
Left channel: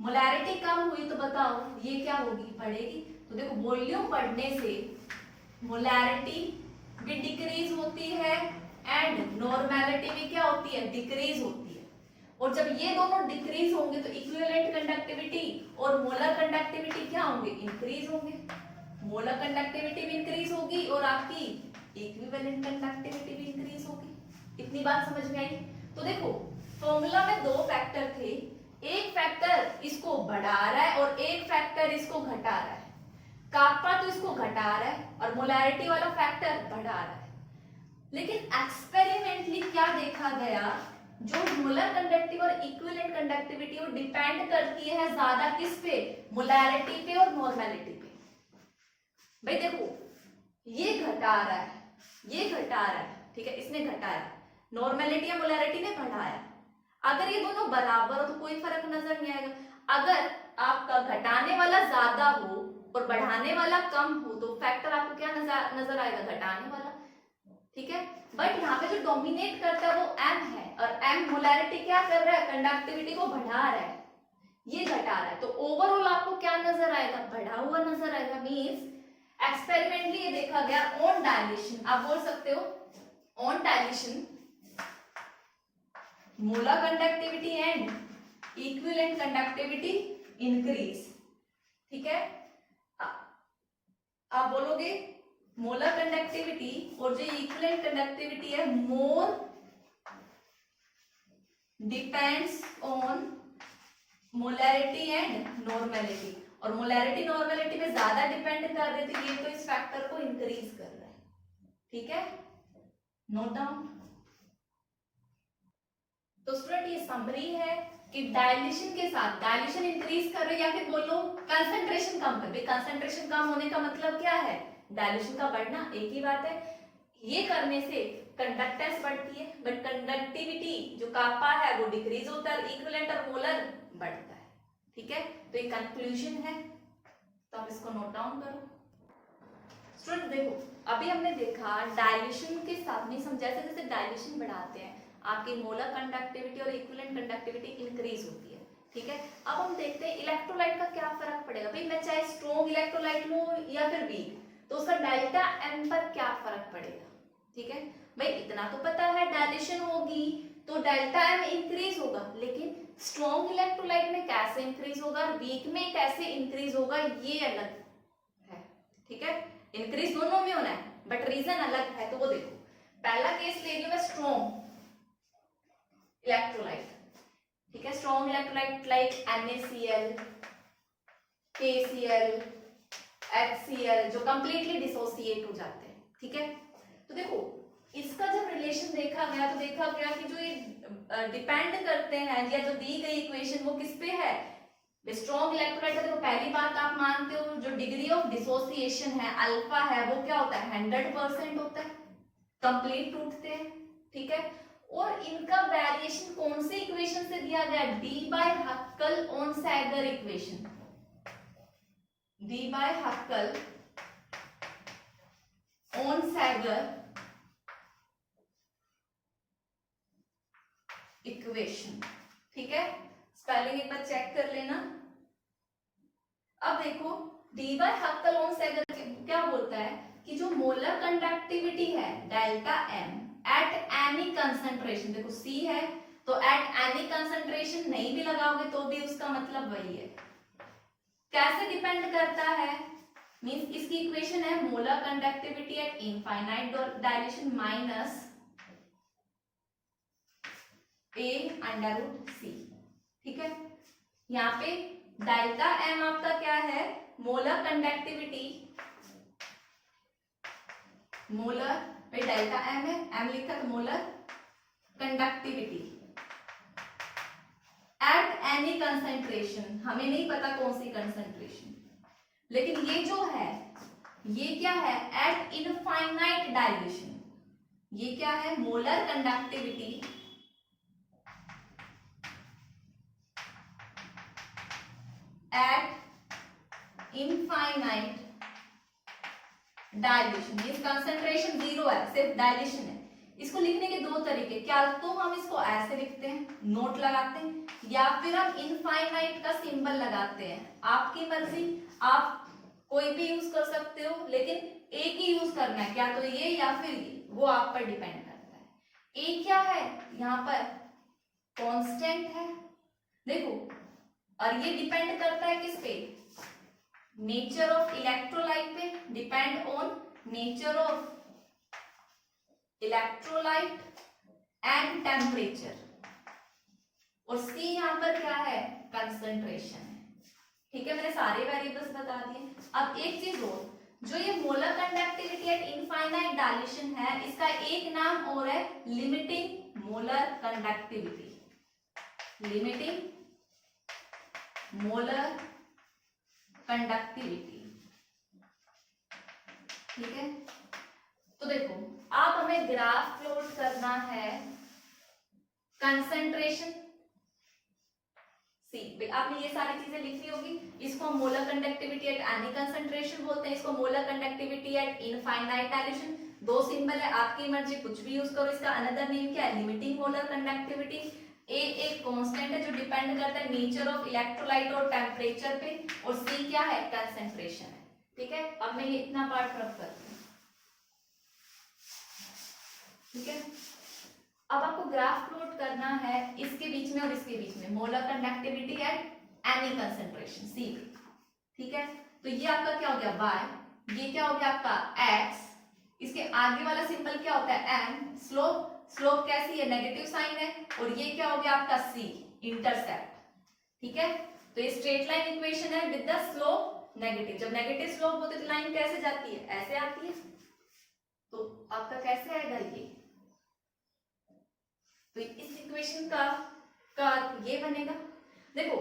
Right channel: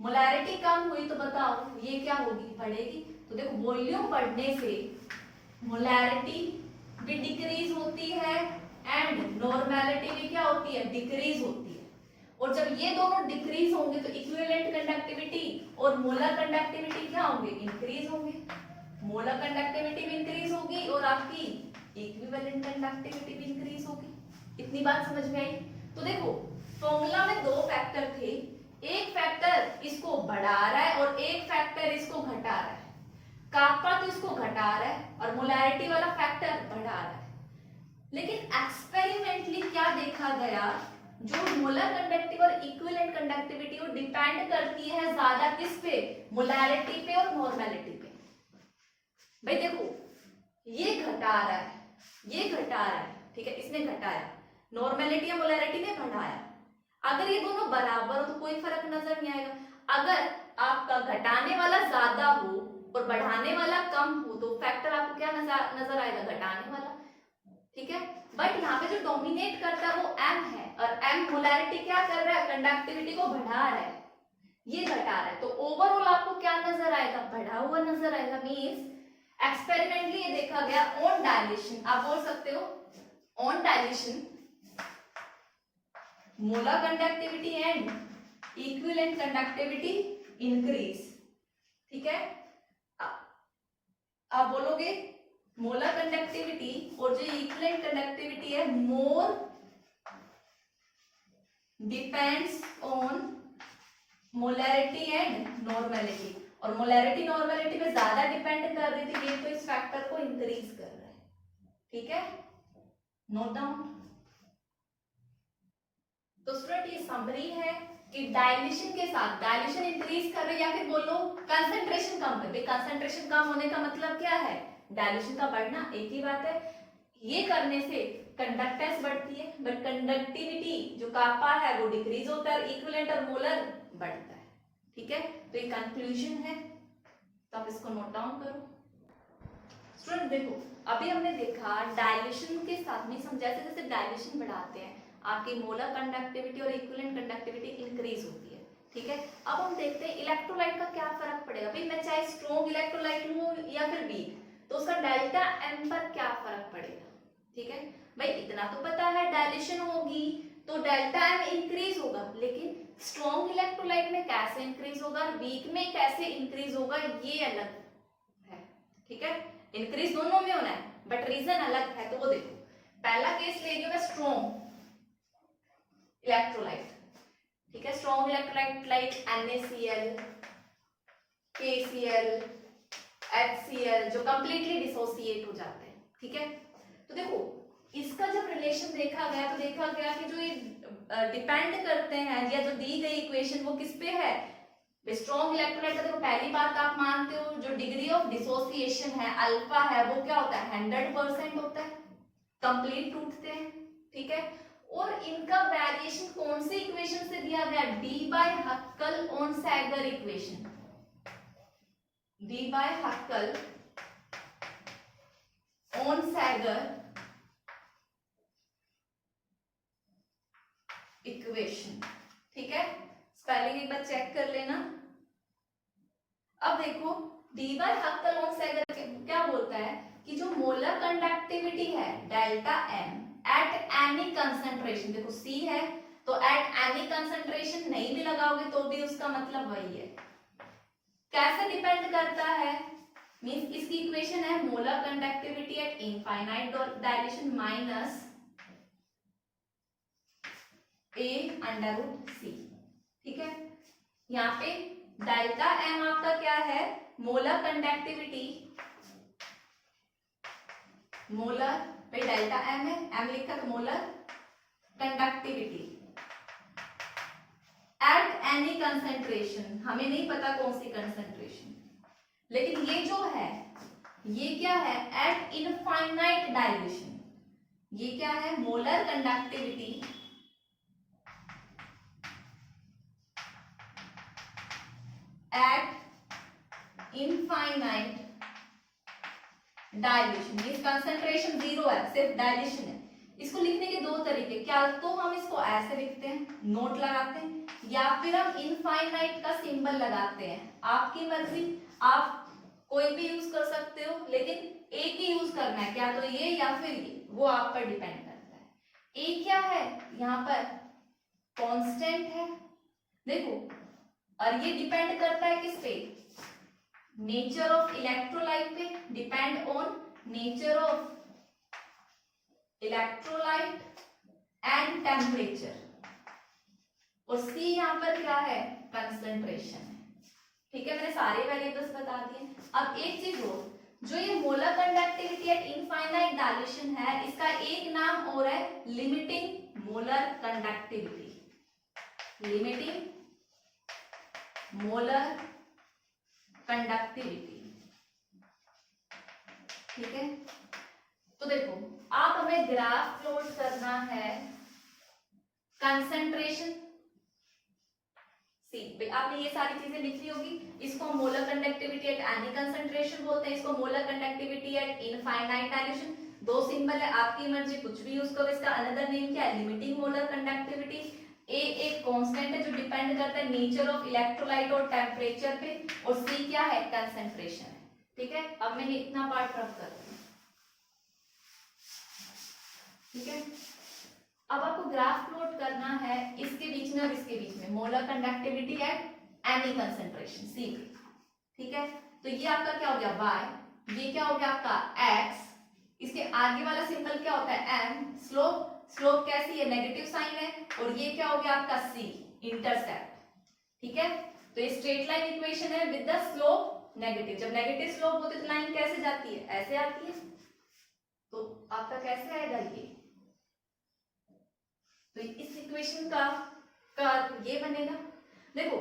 मोलैरिटी कम हुई तो बताओ ये क्या होगी, बढ़ेगी। तो देखो वॉल्यूम बढ़ने से मोलैरिटी भी डिक्रीज होती है एंड नॉर्मेलिटी भी क्या होती है, डिक्रीज होती है। और जब ये दोनों डिक्रीज होंगे तो इक्विवेलेंट कंडक्टिविटी और मोलर कंडक्टिविटी क्या होंगे, इंक्रीज होंगे। मोलर कंडक्टिविटी भी इंक्रीज होगी और आपकी इक्विवेलेंट कंडक्टिविटी भी इंक्रीज होगी। इतनी बात समझ में आई। तो देखो फॉर्मूला में दो फैक्टर थे, एक फैक्टर इसको बढ़ा रहा है और एक फैक्टर इसको घटा रहा है। कापा तो इसको घटा रहा है और मोलैरिटी वाला फैक्टर बढ़ा रहा है। लेकिन एक्सपेरिमेंटली क्या देखा गया, जो मोलर कंडक्टिव और इक्विवेलेंट कंडक्टिविटी वो डिपेंड करती है ज्यादा किस पे, मोलैरिटी पे और नॉर्मेलिटी पे। भाई देखो ये घटा रहा है, ये घटा रहा है, ठीक है, इसने घटाया, नॉर्मेलिटी या मोलैरिटी ने बढ़ाया। अगर ये दोनों बराबर हो तो कोई फर्क नजर नहीं आएगा। अगर आपका घटाने वाला ज्यादा हो और बढ़ाने वाला कम हो तो फैक्टर आपको क्या नजर आएगा, घटाने वाला। ठीक है, बट यहाँ पे जो डोमिनेट करता है वो m है, और m मोलैरिटी क्या कर रहा है, कंडक्टिविटी को बढ़ा रहा है, ये घटा रहा है, तो ओवरऑल आपको क्या नजर आएगा, बढ़ा हुआ नजर आएगा। मींस एक्सपेरिमेंटली ये देखा गया ऑन डायलेशन, आप बोल सकते हो on dilation molar conductivity and equivalent conductivity increase. ठीक है, आप बोलोगे मोलर कंडक्टिविटी और जो इक्विवेलेंट कंडक्टिविटी है more depends on molarity and normality, और मोलैरिटी नॉर्मेलिटी में ज्यादा डिपेंड कर रही थी, ये तो इस फैक्टर को इंक्रीज कर रहा है। ठीक है, नोट डाउन। तो स्टूडेंट ये समरी है कि डायल्यूशन के साथ, डायल्यूशन इंक्रीज कर रहे या फिर बोलो कंसंट्रेशन कम कर रहे, कंसंट्रेशन कम होने का मतलब क्या है, डायल्यूशन का बढ़ना, एक ही बात है। ये करने से कंडक्टेंस बढ़ती है, बट कंडक्टिविटी जो कापा है वो डिक्रीज होता है, इक्विवेलेंट और मोलर बढ़ता है। ठीक है, तो ये कंक्लूजन है, तो आप इसको नोट डाउन करो। स्टूडेंट देखो, अभी हमने देखा डायल्यूशन के साथ में समझा, जैसे डायल्यूशन बढ़ाते हैं आपकी मोलर कंडक्टिविटी और इक्विवेलेंट कंडक्टिविटी इंक्रीज होती है। ठीक है, अब हम देखते हैं इलेक्ट्रोलाइट का क्या फर्क पड़ेगा। भाई मैं चाहे स्ट्रॉन्ग इलेक्ट्रोलाइट लूं या फिर वीक, तो उसका डेल्टा एम पर क्या फर्क पड़ेगा। ठीक है भाई, इतना तो पता है डायल्यूशन होगी तो डेल्टा एम इंक्रीज होगा, लेकिन स्ट्रॉन्ग इलेक्ट्रोलाइट में कैसे इंक्रीज होगा, वीक में कैसे इंक्रीज होगा, ये अलग है। ठीक है, इंक्रीज दोनों में होना है बट रीजन अलग है, तो वो देखो। पहला केस ले लियो मैं स्ट्रॉन्ग इलेक्ट्रोलाइट। ठीक है, strong electrolyte like NaCl, KCl, HCl जो कंप्लीटली डिसोसिएट हो जाते हैं। ठीक है, तो देखो इसका जब रिलेशन देखा गया तो देखा गया कि जो ये डिपेंड करते हैं या जो दी गई इक्वेशन वो किस पे है, स्ट्रॉन्ग इलेक्ट्रोलाइट का। तो पहली बात आप मानते हो जो डिग्री ऑफ डिसोसिएशन है अल्फा है वो क्या होता है, 100% होता है, कंप्लीट टूटते हैं। ठीक है, और इनका वेरिएशन कौन से इक्वेशन से दिया गया, Debye Huckel Onsager equation, Debye Huckel Onsager equation. ठीक है, स्पेलिंग एक बार चेक कर लेना। अब देखो Debye Huckel Onsager क्या बोलता है कि जो मोलर कंडक्टिविटी है delta M at any concentration, देखो सी है तो एट एनी कंसंट्रेशन नहीं भी लगाओगे तो भी उसका मतलब वही है। कैसे डिपेंड करता है, मींस इसकी इक्वेशन है molar conductivity at infinite dilution minus A under root C. ठीक है, यहाँ पे डेल्टा एम आपका क्या है, मोलर कंडक्टिविटी, मोलर पे डेल्टा एम है, एम लिखा है molar conductivity at any concentration, हमें नहीं पता कौन सी कंसेंट्रेशन, लेकिन ये जो है ये क्या है, एट इनफाइनाइट डायलेशन, ये क्या है molar conductivity at infinite dilution, means concentration 0 है, सिर्फ डायल्यूशन है। इसको लिखने के दो तरीके, क्या तो हम इसको ऐसे लिखते हैं नोट लगाते हैं, या फिर हम इनफाइनाइट का सिंबल लगाते हैं, आपकी मर्जी, आप कोई भी यूज कर सकते हो, लेकिन एक ही यूज करना है, क्या तो ये या फिर ये, वो आप पर डिपेंड करता है। ए क्या है यहाँ पर कांस्टेंट है, देखो, और ये डिपेंड करता है किस पे, नेचर ऑफ इलेक्ट्रोलाइट पे, depend on nature of electrolyte and temperature, और सी यहाँ पर क्या है, कंसंट्रेशन है। ठीक है, मैंने सारे वेरिएबल्स बता दिए। अब एक चीज और, जो ये molar conductivity at infinite dilution है, इसका एक नाम और है limiting molar conductivity, limiting molar conductivity. ठीक है, तो देखो आप हमें ग्राफ प्लॉट करना है कंसंट्रेशन आपने ये सारी चीजें लिख ली होगी। इसको molar conductivity at any concentration बोलते हैं, इसको molar conductivity at infinite dilution. दो सिंबल है, आपकी मर्जी कुछ भी यूज करो। इसका अनदर नेम क्या है, लिमिटिंग मोलर कंडक्टिविटी। ए एक कांस्टेंट है जो डिपेंड करता है नेचर ऑफ इलेक्ट्रोलाइट और टेम्परेचर पे, और सी क्या है, कंसंट्रेशन है। ठीक है, अब मैं ये इतना पार्ट रख करती हूँ। ठीक है, अब आपको ग्राफ प्लॉट करना है इसके बीच में और इसके बीच में, molar conductivity at any concentration C पे। ठीक है, तो ये आपका क्या हो गया y, ये क्या हो गया आपका x, इसके आगे वाला सिंबल क्या होता है m, स्लोप। स्लोप कैसी है, नेगेटिव साइन है, और ये क्या हो गया आपका c, इंटरसेप्ट। ठीक है, तो ये स्ट्रेट लाइन इक्वेशन है विद द स्लोप नेगेटिव। जब नेगेटिव स्लोप होती है तो लाइन कैसे जाती है, ऐसे आती है। तो आपका कैसे आएगा ये, तो इस इक्वेशन का ये बनेगा। देखो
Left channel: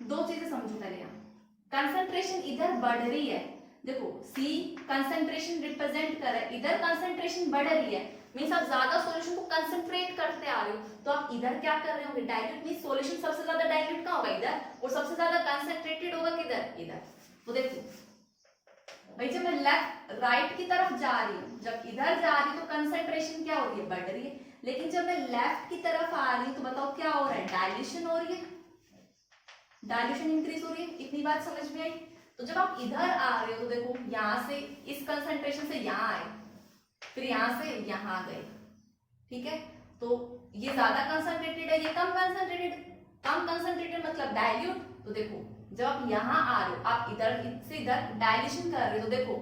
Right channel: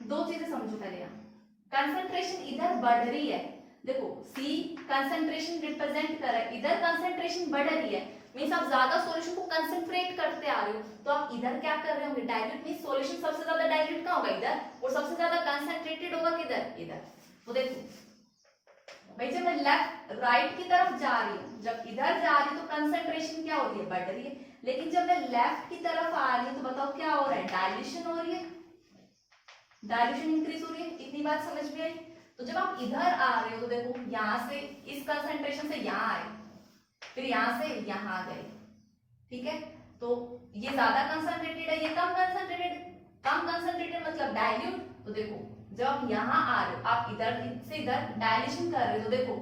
दो चीजें समझो पहले, यहाँ कंसंट्रेशन इधर बढ़ रही है, देखो C कंसंट्रेशन रिप्रेजेंट कर रहा है, इधर कंसंट्रेशन बढ़ रही है, मींस आप ज्यादा सॉल्यूशन को कंसंट्रेट करते आ रहे हो, तो आप इधर क्या कर रहे होंगे, डाइल्यूट। मींस सॉल्यूशन सबसे ज्यादा डाइल्यूट कहाँ होगा, इधर, और सबसे ज्यादा कंसंट्रेटेड होगा किधर, इधर। तो देखो भाई, जब मैं लेफ्ट राइट की तरफ जा रही हूँ, जब इधर जा रही हूँ तो कंसंट्रेशन क्या हो रही है, बढ़ रही है। लेकिन जब मैं लेफ्ट की तरफ आ रही हूँ तो बताओ क्या हो रहा है, डाइल्यूशन हो रही है, डाइल्यूशन इंक्रीज हो रही है। इतनी बात समझ में आई। तो जब आप इधर आ रहे हो तो देखो यहां से इस कंसंट्रेशन से यहां आए, फिर यहां से यहां गए। ठीक है, तो ये ज्यादा कंसंट्रेटेड है, ये कम कंसंट्रेटेड। कम कंसंट्रेटेड मतलब डाइल्यूट। तो देखो जब आप यहां आ रहे हो, आप इधर से इधर डाइल्यूशन कर रहे हो, तो देखो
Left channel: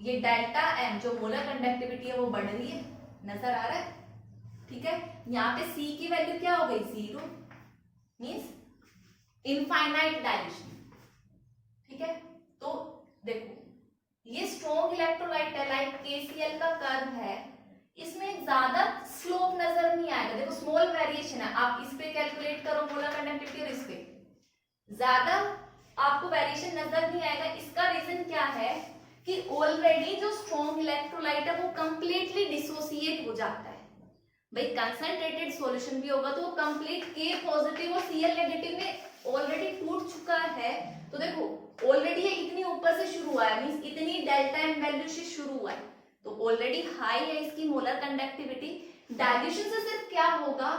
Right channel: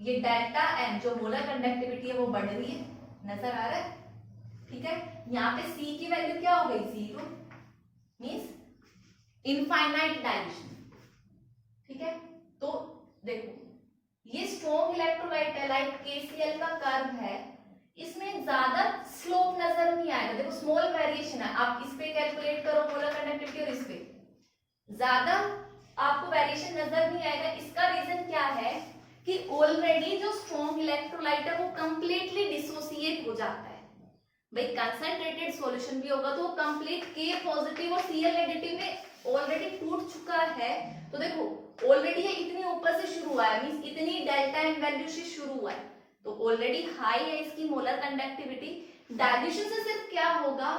ये डेल्टा एम जो मोलर कंडक्टिविटी है वो बढ़ रही है, नजर आ रहा है। ठीक है, यहाँ पे C की वैल्यू क्या हो गई, 0, मींस इनफाइनाइट डाइल्यूशन। ठीक है, तो देखो ये स्ट्रॉन्ग इलेक्ट्रोलाइट है, लाइक KCl का कर्व है, इसमें ज्यादा स्लोप नजर नहीं आएगा। देखो स्मॉल वेरिएशन है, आप इस पे कैलकुलेट करो मोलर कंडक्टिविटी और इस पे, ज्यादा आपको वेरिएशन नजर नहीं आएगा। इसका रीजन क्या है कि ऑलरेडी जो स्ट्रॉन्ग इलेक्ट्रोलाइट है वो कंप्लीटली डिसोसिएट हो जाता है। भाई कंसंट्रेटेड सॉल्यूशन भी होगा तो वो कंप्लीट K पॉजिटिव और Cl नेगेटिव में ऑलरेडी टूट चुका है। तो देखो ऑलरेडी ये इतनी ऊपर से शुरू हुआ है, मींस इतनी डेल्टा एम वैल्यू से शुरू हुआ है, तो ऑलरेडी हाई है इसकी मोलर कंडक्टिविटी। डाइल्यूशन से सिर्फ क्या होगा,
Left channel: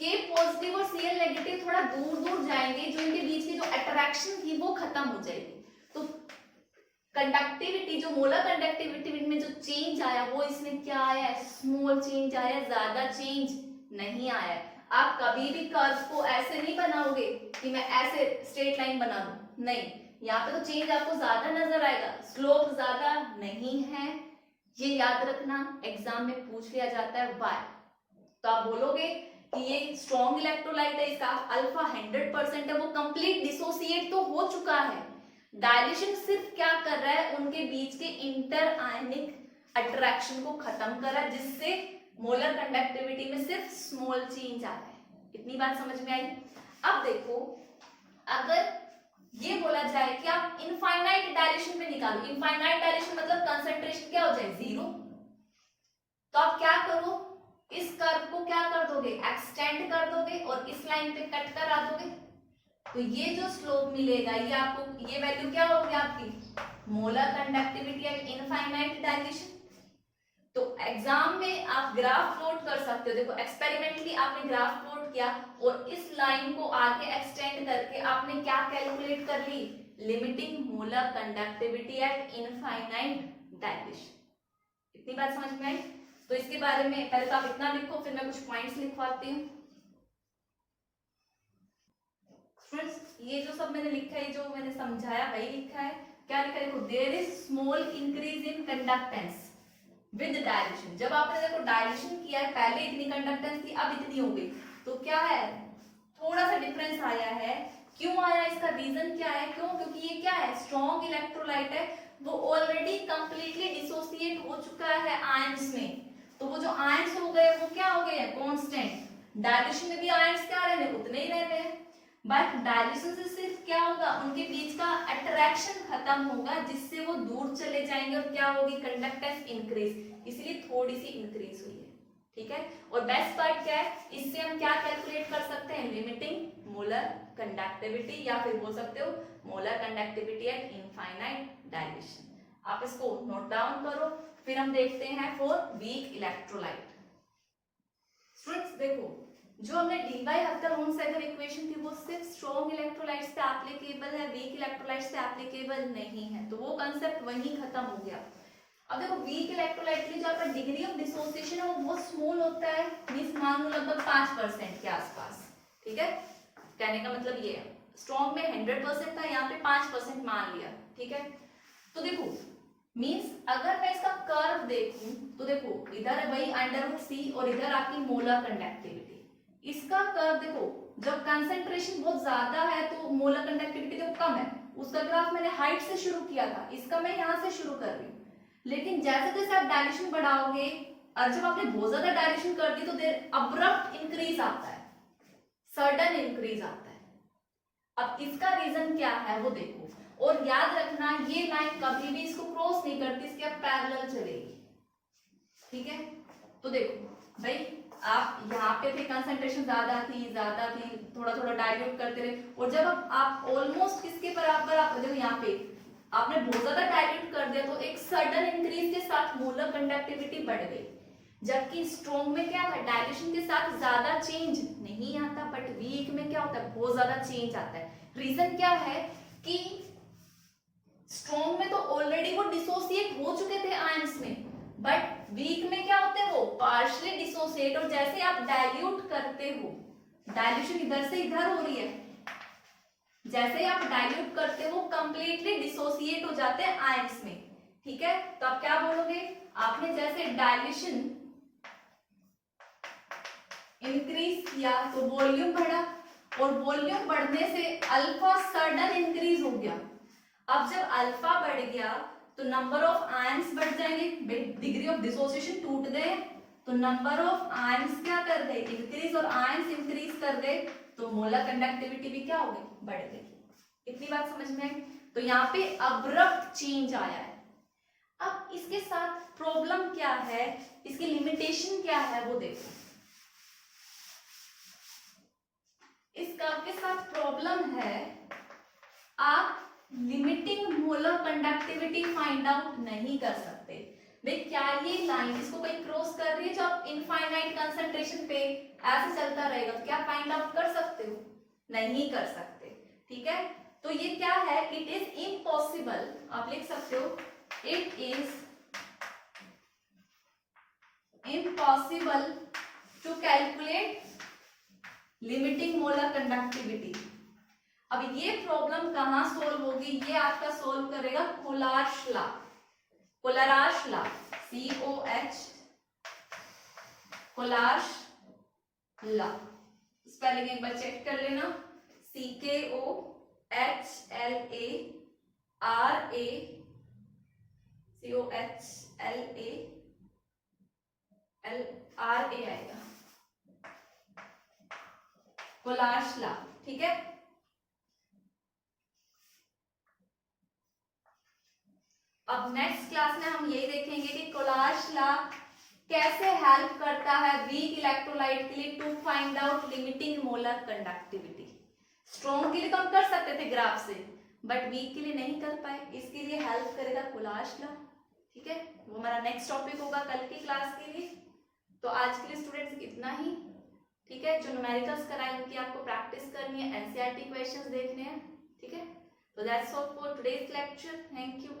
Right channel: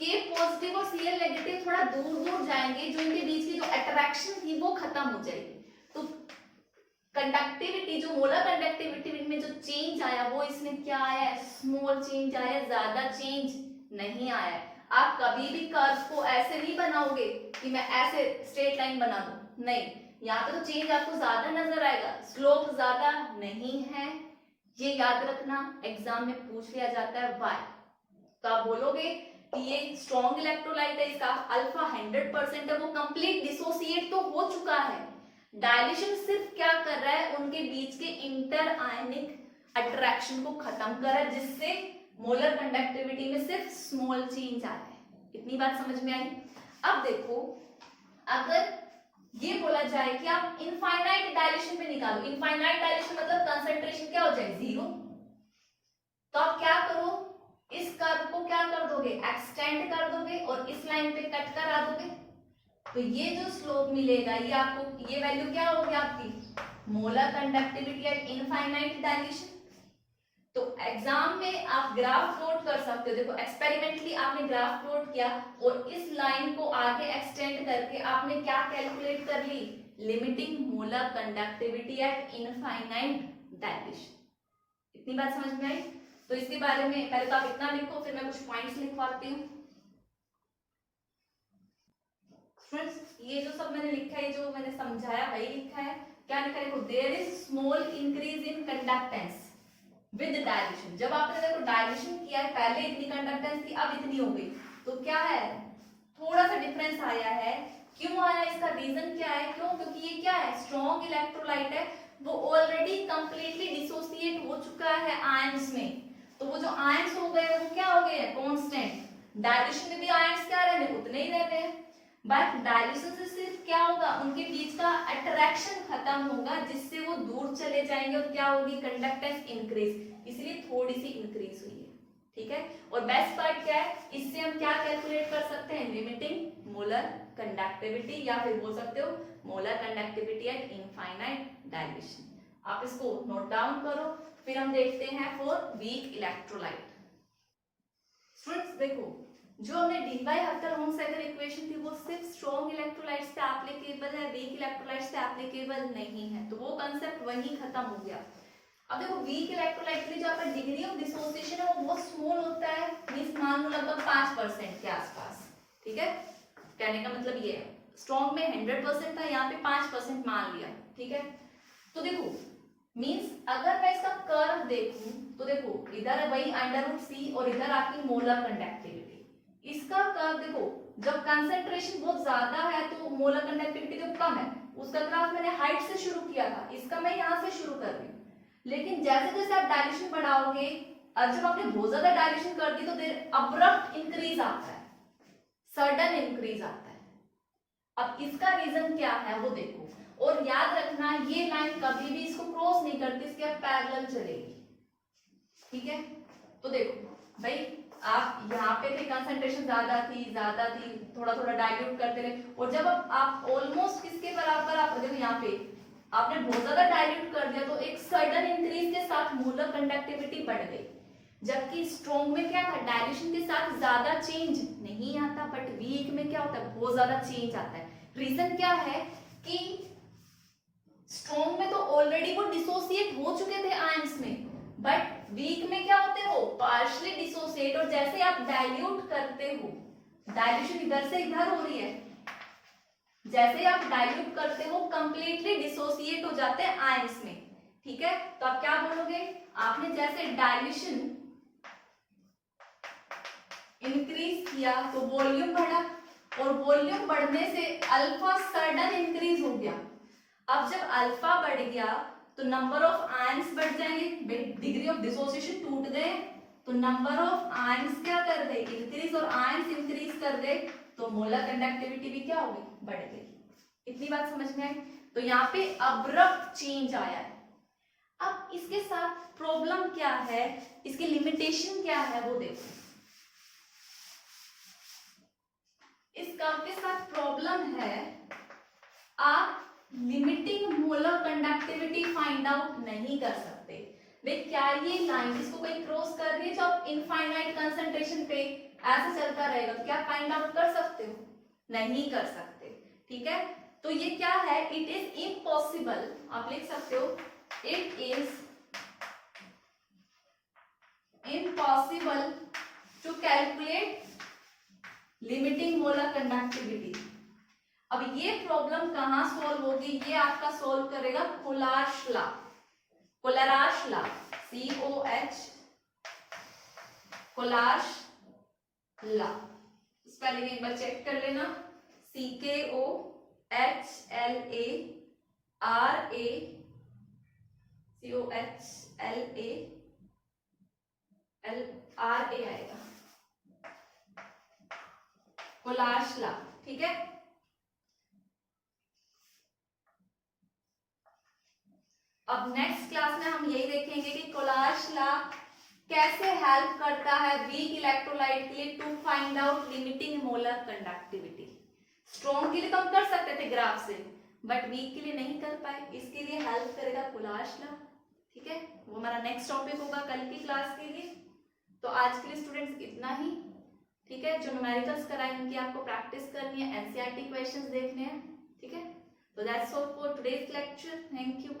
K पॉजिटिव और Cl नेगेटिव थोड़ा दूर दूर जाएंगे, जो इनके बीच की जो अट्रैक्शन थी वो खत्म हो जाएगी। तो कंडक्टिविटी, जो मोलर कंडक्टिविटी में जो चेंज आया वो इसमें क्या आया है, स्मॉल चेंज आया, ज्यादा चेंज नहीं आया है। आप कभी भी कर्व को ऐसे नहीं बनाओगे कि मैं ऐसे स्ट्रेट लाइन बना दूं, नहीं, यहाँ पे तो चेंज आपको ज्यादा नजर आएगा, स्लोप ज्यादा नहीं है। ये याद रखना, एग्जाम में पूछ लिया जाता है वाई। तो आप बोलोगे कि ये स्ट्रॉन्ग इलेक्ट्रोलाइट है, इसका अल्फा 100% है, वो कंप्लीट डिसोसिएट तो हो चुका है। डाइल्यूशन सिर्फ क्या कर रहा है, उनके बीच के इंटर आयनिक अट्रैक्शन को खत्म कर रहा है, जिससे मोलर कंडक्टिविटी में सिर्फ स्मॉल चेंज आया है। इतनी बात समझ में आई। अब देखो अगर ये बोला जाए कि आप इनफाइनाइट डायलेशन पे निकालो, इनफाइनाइट डायलेशन मतलब कंसंट्रेशन क्या हो जाए, 0, तो आप क्या करो, इस कर्व को क्या कर दोगे, एक्सटेंड कर दोगे और इस लाइन पे कट करा दोगे, तो ये जो स्लोप मिलेगा ये आपको, ये वैल्यू क्या होगी आपकी, molar conductivity at infinite dilation. तो एग्जाम में आप ग्राफ प्लॉट कर सकते हो। देखो एक्सपेरिमेंटली आपने ग्राफ प्लॉट किया और इस लाइन को आगे एक्सटेंड करके आपने क्या कैलकुलेट कर ली, limiting molar conductivity at infinite dilution. इतनी बात समझ में आई। तो इसके बारे में पहले तो आप इतना लिखो, फिर मैं कुछ पॉइंट्स लिखवाती हूँ। स्टूडेंट्स ये जो सब मैंने लिखा है, जो मैंने समझाया वही लिखा है। क्या लिखा है देखो, there is small increase in conductance with dilution. जब आपने देखो डायलेशन किया है, पहले इतनी कंडक्टेंस थी, अब इतनी हो गई, तो क्या है, थोड़ा सा डिफरेंस आया है। क्यों आया, इसका रीजन क्या है, क्यों, क्योंकि ये क्या है, स्ट्रॉन्ग इलेक्ट्रोलाइट है, वो ऑलरेडी कंप्लीटली डिसोसिएट हो चुका है आयंस में। तो वो जो आयंस हो गए वो क्या हो गए हैं, कांस्टेंट। डायल्यूशन में भी आयंस क्या रहते, उतने ही रहते हैं, बट डायल्यूशन से सिर्फ क्या होगा, उनके बीच का अट्रैक्शन खत्म होगा, जिससे वो दूर चले जाएंगे और क्या होगी, कंडक्टेंस इंक्रीज, इसलिए थोड़ी सी इंक्रीज हुई है। ठीक है, और बेस्ट पार्ट क्या है, इससे हम क्या कैलकुलेट कर सकते हैं, लिमिटिंग मोलर कंडक्टिविटी, या फिर बोल सकते हो molar conductivity at infinite dilution. आप इसको नोट डाउन करो। फिर हम देखते हैं फॉर वीक इलेक्ट्रोलाइट। स्टूडेंट्स देखो, जो हमने डी बाई हफ्तल-होमसैगर इक्वेशन थी वो सिर्फ स्ट्रॉन्ग इलेक्ट्रोलाइट्स पे एप्लीकेबल है, वीक इलेक्ट्रोलाइट्स पे एप्लीकेबल नहीं है, तो वो कांसेप्ट वहीं खत्म हो गया। अब देखो वीक इलेक्ट्रोलाइट के लिए जहाँ पर डिग्री ऑफ डिसोसिएशन है वो बहुत स्मॉल होता है, मींस मान लो लगभग 5% के आसपास, ठीक है। कहने का मतलब ये है, स्ट्रॉन्ग में 100% था, यहाँ पे 5% मान लिया, ठीक है। तो देखो मींस अगर मैं इसका कर्व देखूं तो देखो इधर वही √c और इधर आपकी मोलर कंडक्टिविटी। इसका कर्व देखो, जब कंसंट्रेशन बहुत ज्यादा है तो मोलर कंडक्टिविटी तो कम है, उसका ग्राफ मैंने हाइट से शुरू किया था, इसका मैं यहाँ से शुरू कर रही हूँ। लेकिन जैसे जैसे आप डायलेशन बढ़ाओगे और जब आपने बहुत ज्यादा डायलेशन कर दी तो देर अब्रप्ट इंक्रीज आता है, सडन इंक्रीज आता है। अब इसका रीजन क्या है वो देखो, और याद रखना ये लाइन कभी भी इसको क्रॉस नहीं करती, इसके अब पैरेलल चलेगी, ठीक है। तो देखो भाई आप यहाँ पे थे, कंसंट्रेशन ज्यादा थी, थोड़ा थोड़ा डाइल्यूट करते रहे, और जब आप ऑलमोस्ट किसके बराबर, आप देखो यहाँ पे आपने बहुत ज्यादा डाइल्यूट कर दिया तो एक सडन इंक्रीज के साथ मोलर कंडक्टिविटी बढ़ गई। जबकि स्ट्रॉन्ग में क्या था, डाइल्यूशन के साथ ज्यादा चेंज नहीं आता, बट वीक में क्या होता है, बहुत ज्यादा चेंज आता है। रीजन क्या है कि स्ट्रॉन्ग में तो ऑलरेडी वो डिसोसिएट हो चुके थे आयंस में, बट वीक में क्या होते हैं वो पार्शियली डिसोसिएट, और जैसे आप डाइल्यूट करते हो, डाइल्यूशन इधर से इधर हो रही है, जैसे आप डाइल्यूट करते हो कंप्लीटली डिसोसिएट हो जाते हैं आयंस में, ठीक है। तो आप क्या बोलोगे, आपने जैसे डाइल्यूशन इंक्रीज किया तो वॉल्यूम बढ़ा, और वॉल्यूम बढ़ने से अल्फा सडन इंक्रीज हो गया। अब जब अल्फा बढ़ गया तो नंबर ऑफ आयंस बढ़ जाएंगे, डिग्री ऑफ डिसोसिएशन टूट गए तो नंबर ऑफ आयंस क्या कर गए, इंक्रीज, और आयंस इंक्रीज कर गए तो मोलर कंडक्टिविटी भी क्या हो गई, बढ़ गई। इतनी बात समझ में आई। तो यहाँ पे अब्रप्ट चेंज आया है। अब इसके साथ प्रॉब्लम क्या है, इसकी लिमिटेशन क्या है वो देखो। इस कर्व के साथ प्रॉब्लम है, आप limiting molar conductivity find out नहीं कर सकते। भाई क्या ये लाइन इसको कोई क्रॉस कर रही है जो आप इनफाइनाइट कंसंट्रेशन पे ऐसे चलता रहेगा, तो क्या फाइंड आउट कर सकते हो, नहीं कर सकते, ठीक है। तो ये क्या है, इट इज इम्पॉसिबल, आप लिख सकते हो it is impossible to calculate limiting molar conductivity. अब ये प्रॉब्लम कहां सॉल्व होगी, ये आपका सॉल्व करेगा Kohlrausch law, Kohlrausch law, COH, Kohlrausch law. Spelling एक बार चेक कर लेना, COHLA आएगा, कोलार्श लॉ, ठीक है। अब नेक्स्ट क्लास में हम यही देखेंगे कि कोलार्श लॉ कैसे हेल्प करता है वीक इलेक्ट्रोलाइट के लिए to find out limiting molar conductivity. Strong के लिए तो हम कर सकते थे ग्राफ से, बट वीक के लिए नहीं कर पाए, इसके लिए हेल्प करेगा कोलार्श लॉ, ठीक है। वो हमारा नेक्स्ट टॉपिक होगा कल की क्लास के लिए। तो आज के लिए स्टूडेंट्स इतना ही, ठीक है। जो न्यूमेरिकल्स कराए उनकी आपको प्रैक्टिस करनी है, NCERT क्वेश्चंस देखने हैं, ठीक है। तो that's all for today's lecture, thank you.